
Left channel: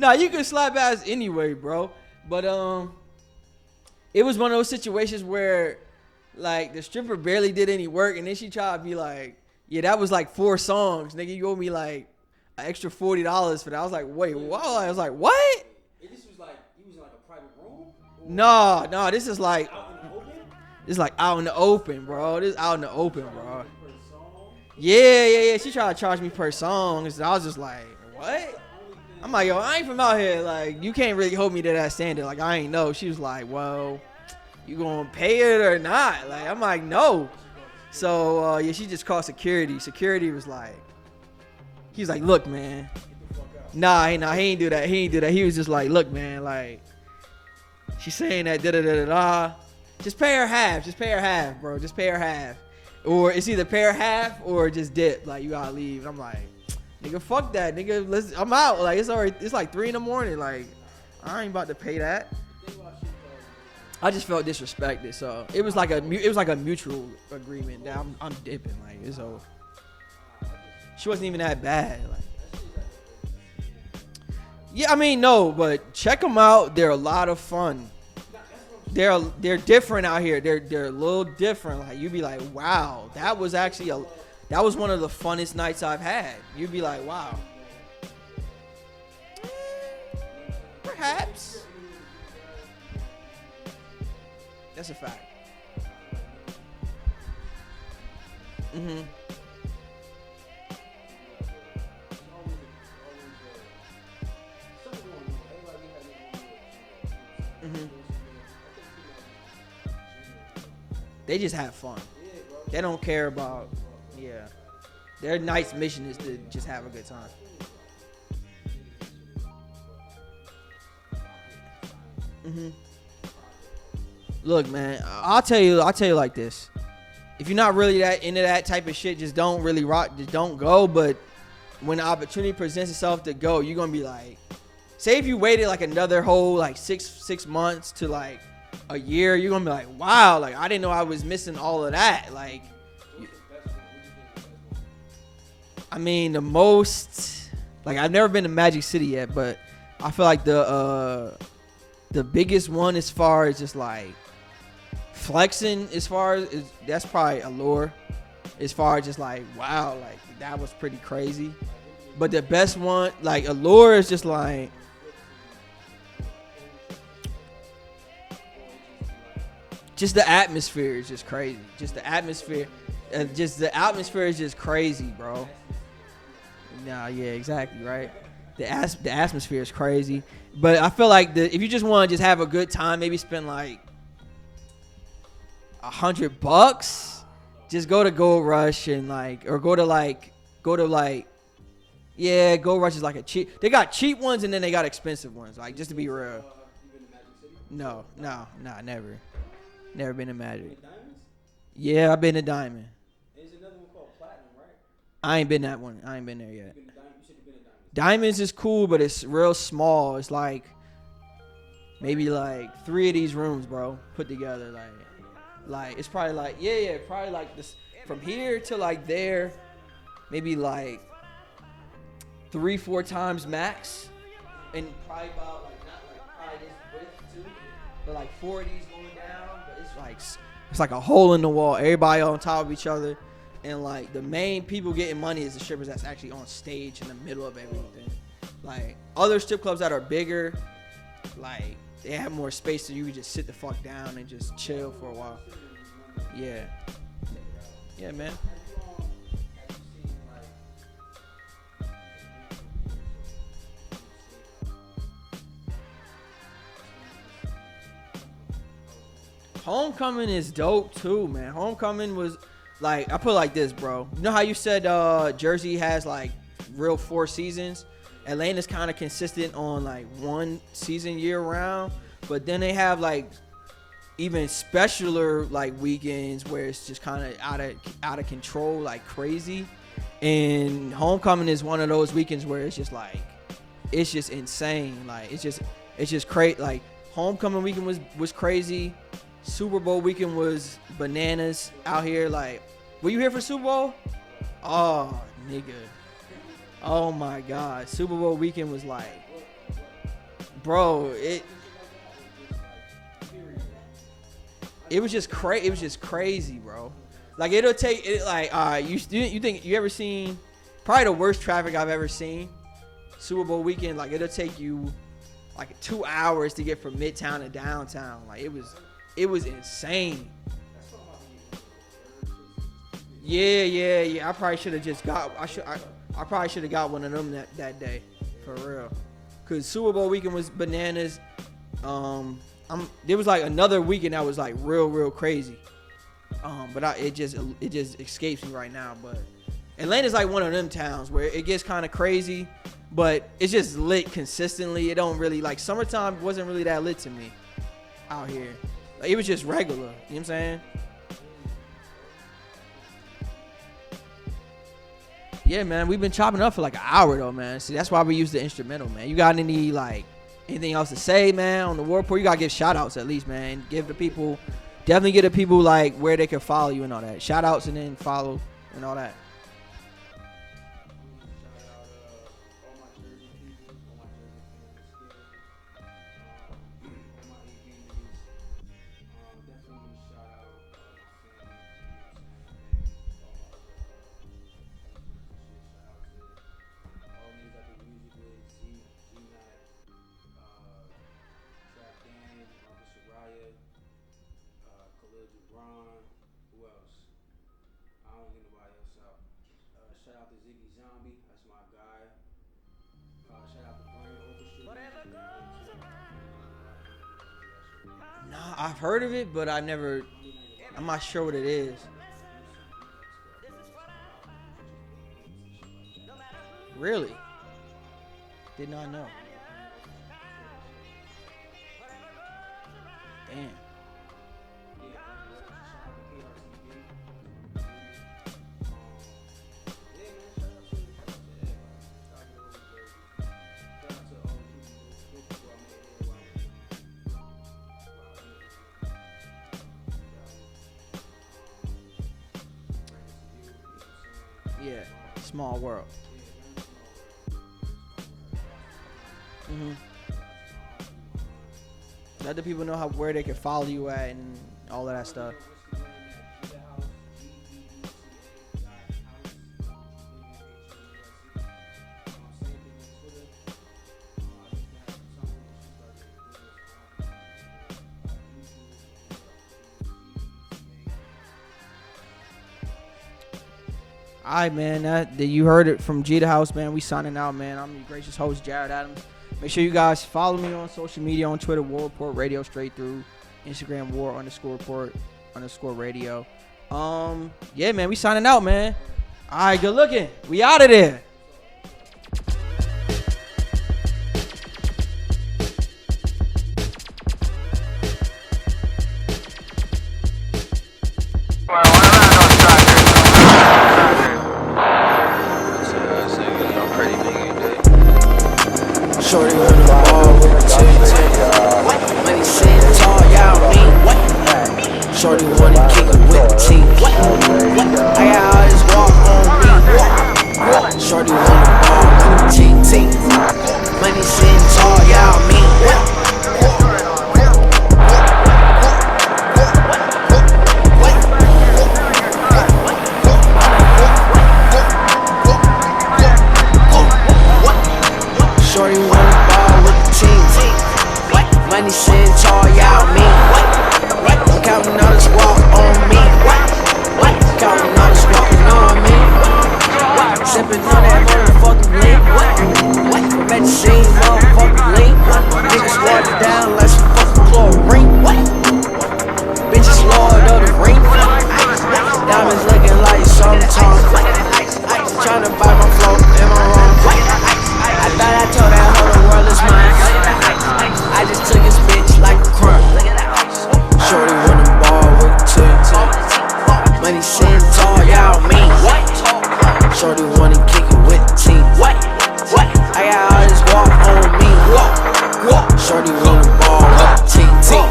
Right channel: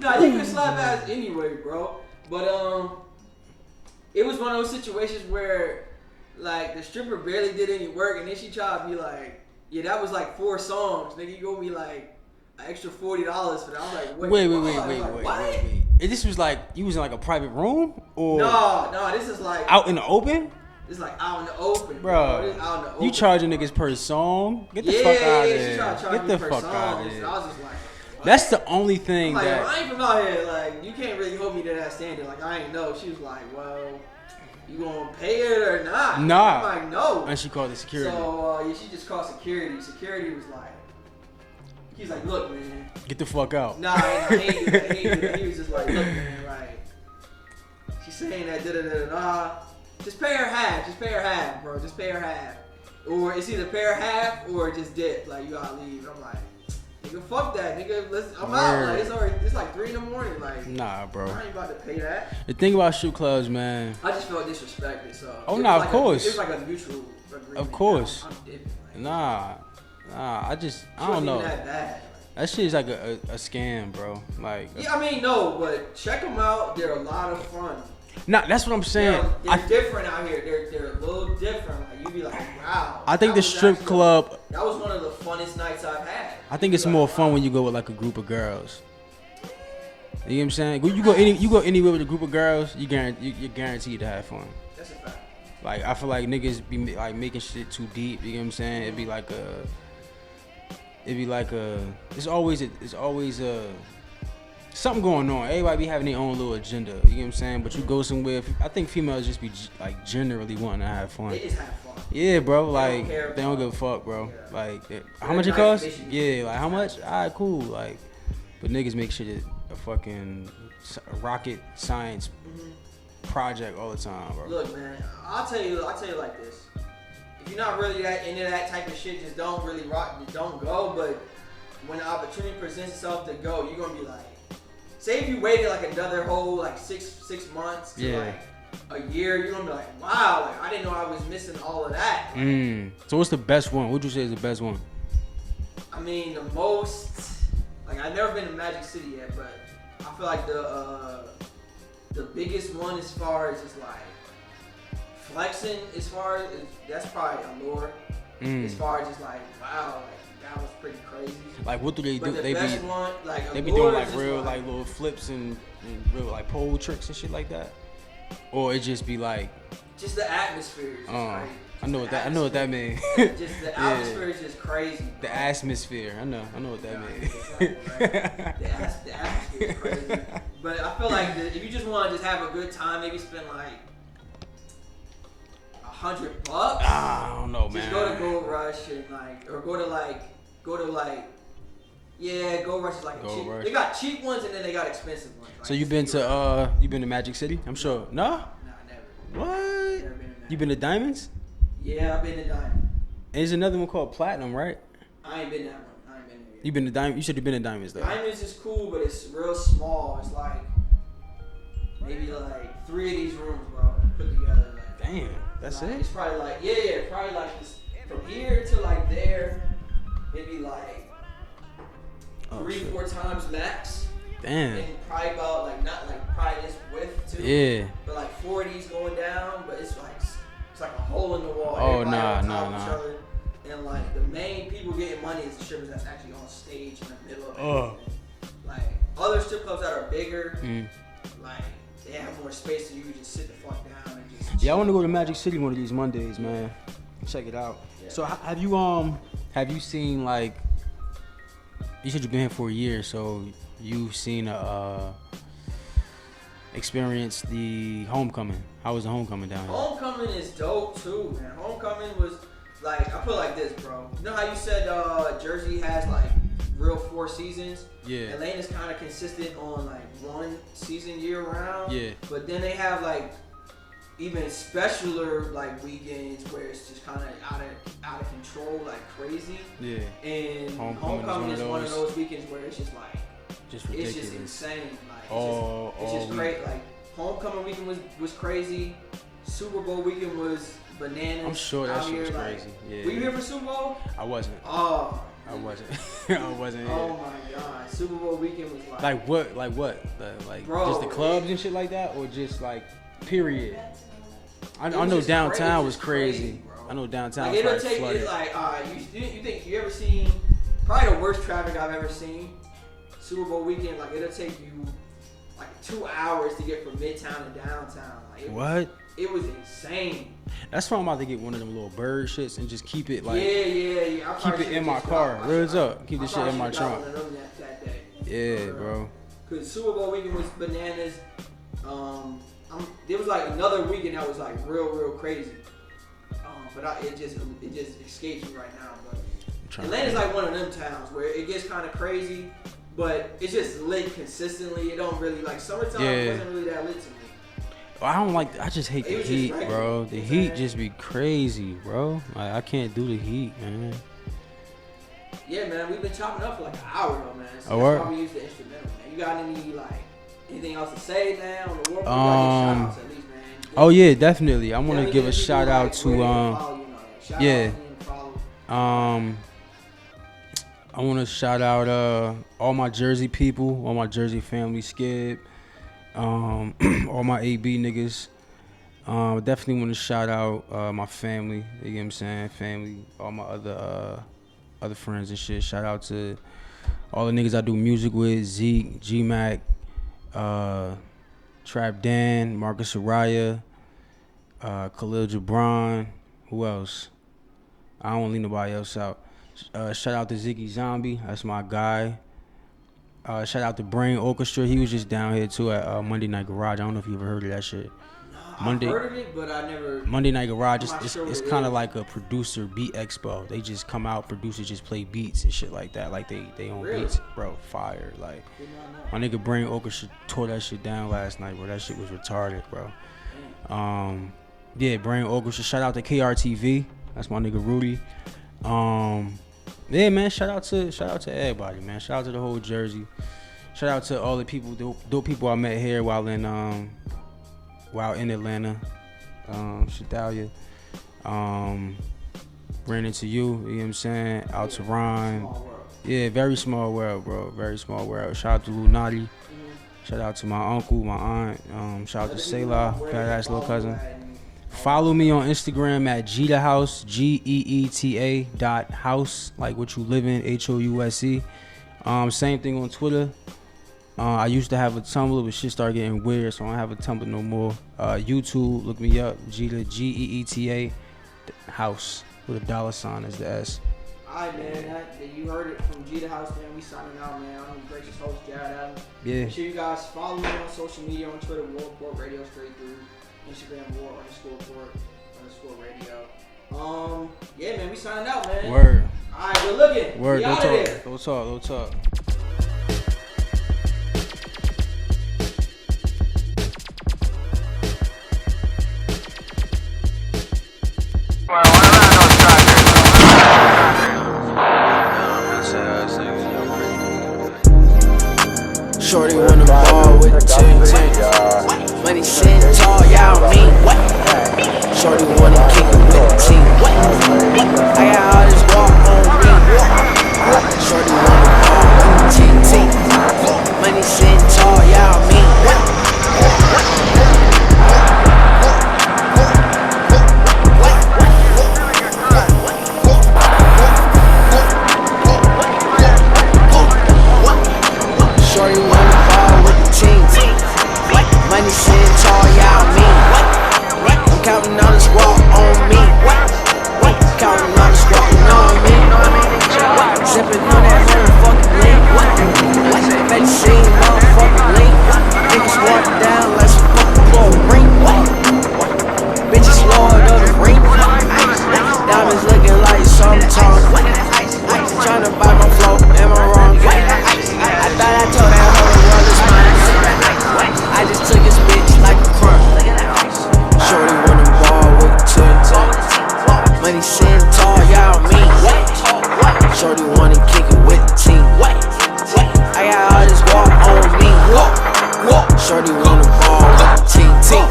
Nah, you can slap ass anyway, bro. But it was one of those situations where, like, the stripper barely did any work, and then she tried to be like, "Yeah, that was like 4 songs, nigga. You owe me like." An extra $40 for that. I was like, wait. I was like, what? And this was like, you was in like a private room? Or no, this is like out in the open? It's like out in the open, bro. This is out in the open. You charging niggas per song? Get the fuck out of there. She tried to charge me per song. I was just like, what? That's the only thing. I'm like, yo, I ain't from out here. Like, you can't really hold me to that standard. Like, I ain't know. She was like, well, you gonna pay it or not? Nah. I'm like, no. And she called the security. So, she just called security. Security was like, he was like, look, man. Get the fuck out. Nah, he ain't do that. He was just like, look, man, like, she's saying that da-da-da-da-da. Just pay her half, bro. Just pay her half. Or it's either pay her half or just dip. Like, you gotta leave. I'm like, nigga, fuck that, nigga. I'm out. Like, it's like 3 a.m. Like, nah, bro. I ain't about to pay that. The thing about strip clubs, man. I just felt disrespected, so it was like a mutual agreement. Of course. I'm dipping. Like, Nah, I wasn't even that bad. That shit is like a scam, bro. Like, yeah, I mean, no, but check them out. They're a lot of fun. Nah, that's what I'm saying. They're different out here. They're a little different. Like, you be like, wow. I think the strip club. That was one of the funnest nights I've had. I think it's more fun when you go with like a group of girls. You know what I'm saying? When you go anywhere with a group of girls, you're guaranteed to have fun. That's a fact. Like, I feel like niggas be like making shit too deep. You know what I'm saying? Mm-hmm. It's always something going on. Everybody be having their own little agenda. You know what I'm saying? But you go somewhere. I think females just be like generally wanting to have fun. They just have fun. Yeah, bro. They don't care about. They don't give a fuck, bro. Yeah. Like, how much it costs? Yeah, like how much? Alright, cool. Like, but niggas make shit a fucking rocket science project all the time, bro. Look, man, I'll tell you like this. If you're not really that into that type of shit, just don't really rock. Just don't go. But when the opportunity presents itself to go, you're gonna be like, say if you waited like another whole like six months to like a year, you're gonna be like, wow, like I didn't know I was missing all of that. Like, So what's the best one? What would you say is the best one? I mean, the most, like, I've never been to Magic City yet, but I feel like the biggest one as far as just like flexing, as far as that's probably Allure. As far as just like, wow, like that was pretty crazy. Like, what do they do? But the best one, like Allure, is just real, like little flips and real like pole tricks and shit like that, or it just be like just the atmosphere is just crazy. I know what that means. Just the atmosphere is just crazy, bro. The atmosphere. I know what that means. Yeah, exactly, right. the atmosphere is crazy. But I feel like if you just want to just have a good time, maybe spend like $100. I don't know, just man. go to Gold Rush and like, or go to like go to like. Yeah, Gold Rush is like a cheap. Rush. They got cheap ones and then they got expensive ones. Like, so you've been to Magic City? I'm sure. No? Nah, never. What? Never been to Magic. You been to Diamonds? Yeah, I've been to Diamond. There's another one called Platinum, right? I ain't been that one. I ain't been there yet. You been to Diamond? You said you've been to Diamonds. Though. Diamonds is cool, but it's real small. It's like maybe like 3 of these rooms, bro, put together. Like, damn, that's like, it. It's probably like probably like this from here to like there, maybe like 3-4 times max. Damn. And probably about like not like probably this width too. Yeah. But like 4 of these going down, but it's like a hole in the wall. Everybody on top of each other. And like the main people getting money is the strippers that's actually on stage in the middle of everything. Like other strip clubs that are bigger, like they have more space so you can just sit the fuck down and just chill. Yeah, I want to go to Magic City one of these Mondays, man. Check it out. Yeah, so man. have you seen like, you said you've been here for a year, so you've seen experienced the homecoming. How was the homecoming down there? Homecoming is dope too, man. Homecoming was like, I put it like this, bro. You know how you said Jersey has like real 4 seasons? Yeah. Atlanta's kind of consistent on like 1 season year round. Yeah. But then they have like even specialer like weekends where it's just kind of out of control, like crazy. Yeah. And homecoming is one of those weekends where it's just like it's just insane. Like it's just crazy. Like homecoming weekend was crazy. Super Bowl weekend was bananas out here. Like, were you here for Super Bowl? I wasn't. Oh, I wasn't. I wasn't. Oh my God, Super Bowl weekend was like what? Like bro, just the clubs and shit like that, or just like period. I know just downtown was crazy, bro. I know downtown. Like it'll take it like you think you ever seen probably the worst traffic I've ever seen. Super Bowl weekend, like it'll take you like 2 hours to get from Midtown to downtown. Like it was insane. That's why I'm about to get one of them little bird shits and just keep it like yeah. I probably keep it in my car. Where's up? Keep the shit in my got trunk. one of them that day. Yeah, bro. Cause Super Bowl weekend was bananas. There was like another weekend that was like real crazy. But it just escapes me right now. But Atlanta's like one of them towns where it gets kind of crazy, but it's just lit consistently. It don't really like summertime wasn't really that lit to me. I don't like. I just hate. It was the just heat, regular, bro. The heat just be crazy, bro. Like I can't do the heat, man. Yeah, man. We've been chopping up for like an hour though, man. So that's why we use the instrumental, man. You got anything else to say, man? On the War Report, you gotta get shout outs at least, man. Definitely. I'm definitely get the people like where they can follow you and all that. Shout outs and then follow. I want to shout out all my Jersey people, all my Jersey family, Skip, all my AB niggas. Definitely want to shout out my family. You know what I'm saying? Family, all my other friends and shit. Shout out to all the niggas I do music with: Zeke, G-Mac, Trap Dan, Marcus Araya, Khalil Gibran. Who else? I don't want to leave nobody else out. Shout out to Ziggy Zombie. That's my guy. Shout out to Brain Orchestra. He was just down here too at Monday Night Garage. I don't know if you ever heard of that shit. I've heard of it, but I never. Monday Night Garage. It's kind of like a producer beat expo. They just come out, producers just play beats and shit like that. Like they own beats, bro. Fire. Like my nigga Brain Orchestra tore that shit down last night, bro. That shit was retarded, bro. Damn. Yeah, Brain Orchestra. Shout out to KRTV. That's my nigga Rudy. Yeah, man. Shout out to everybody, man. Shout out to the whole Jersey. Shout out to all the people, dope people I met here while in Atlanta. Shadalia. Ran into you, you know what I'm saying? Out to Ron. Small world. Yeah, very small world, bro. Very small world. Shout out to Lunati. Mm-hmm. Shout out to my uncle, my aunt. Shout out to Selah, badass little cousin. Follow me on Instagram at Geeta House, GEETA.house, like what you live in, HOUSE. Same thing on Twitter. I used to have a Tumblr, but shit started getting weird, so I don't have a Tumblr no more. YouTube, look me up, Geeta, GEETA House, with a $sign as the S. Alright, man, you heard it from Geeta House, man. We signing out, man. I'm the gracious host, Jarrett Adams. Yeah. Make sure you guys follow me on social media, on Twitter, War Report Radio straight through. Instagram War_Report_radio. Yeah, man, we signing out, man. Word. All right, good looking. Word, we out of there. Go talk. Shorty wanna ball with the team. Money sitting tall, y'all mean what? Shorty wanna kick it with the team. I got all this walk on me. Shorty wanna ball with the team. Money sitting tall, y'all mean what? Shorty wanna ball with the team. Money sitting tall, y'all mean. I'm counting all this walk on me. Counting all this walking on me. Sipping on that motherfucking lean. Bet you seen motherfucking lean. Niggas water down like some fucking chlorine. Bitches lord of the ring. Diamonds looking like summertime. Tryna buy my flow, am I wrong? I thought I told that whole world is mine. I just took his bitch like a crumb. Shorty wanna ball with the team. Money sitting tall, y'all mean what? Shorty wanna kick it with the team. I got all this walk on me. Shorty wanna ball with the team.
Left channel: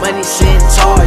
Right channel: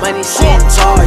Money sitting tall,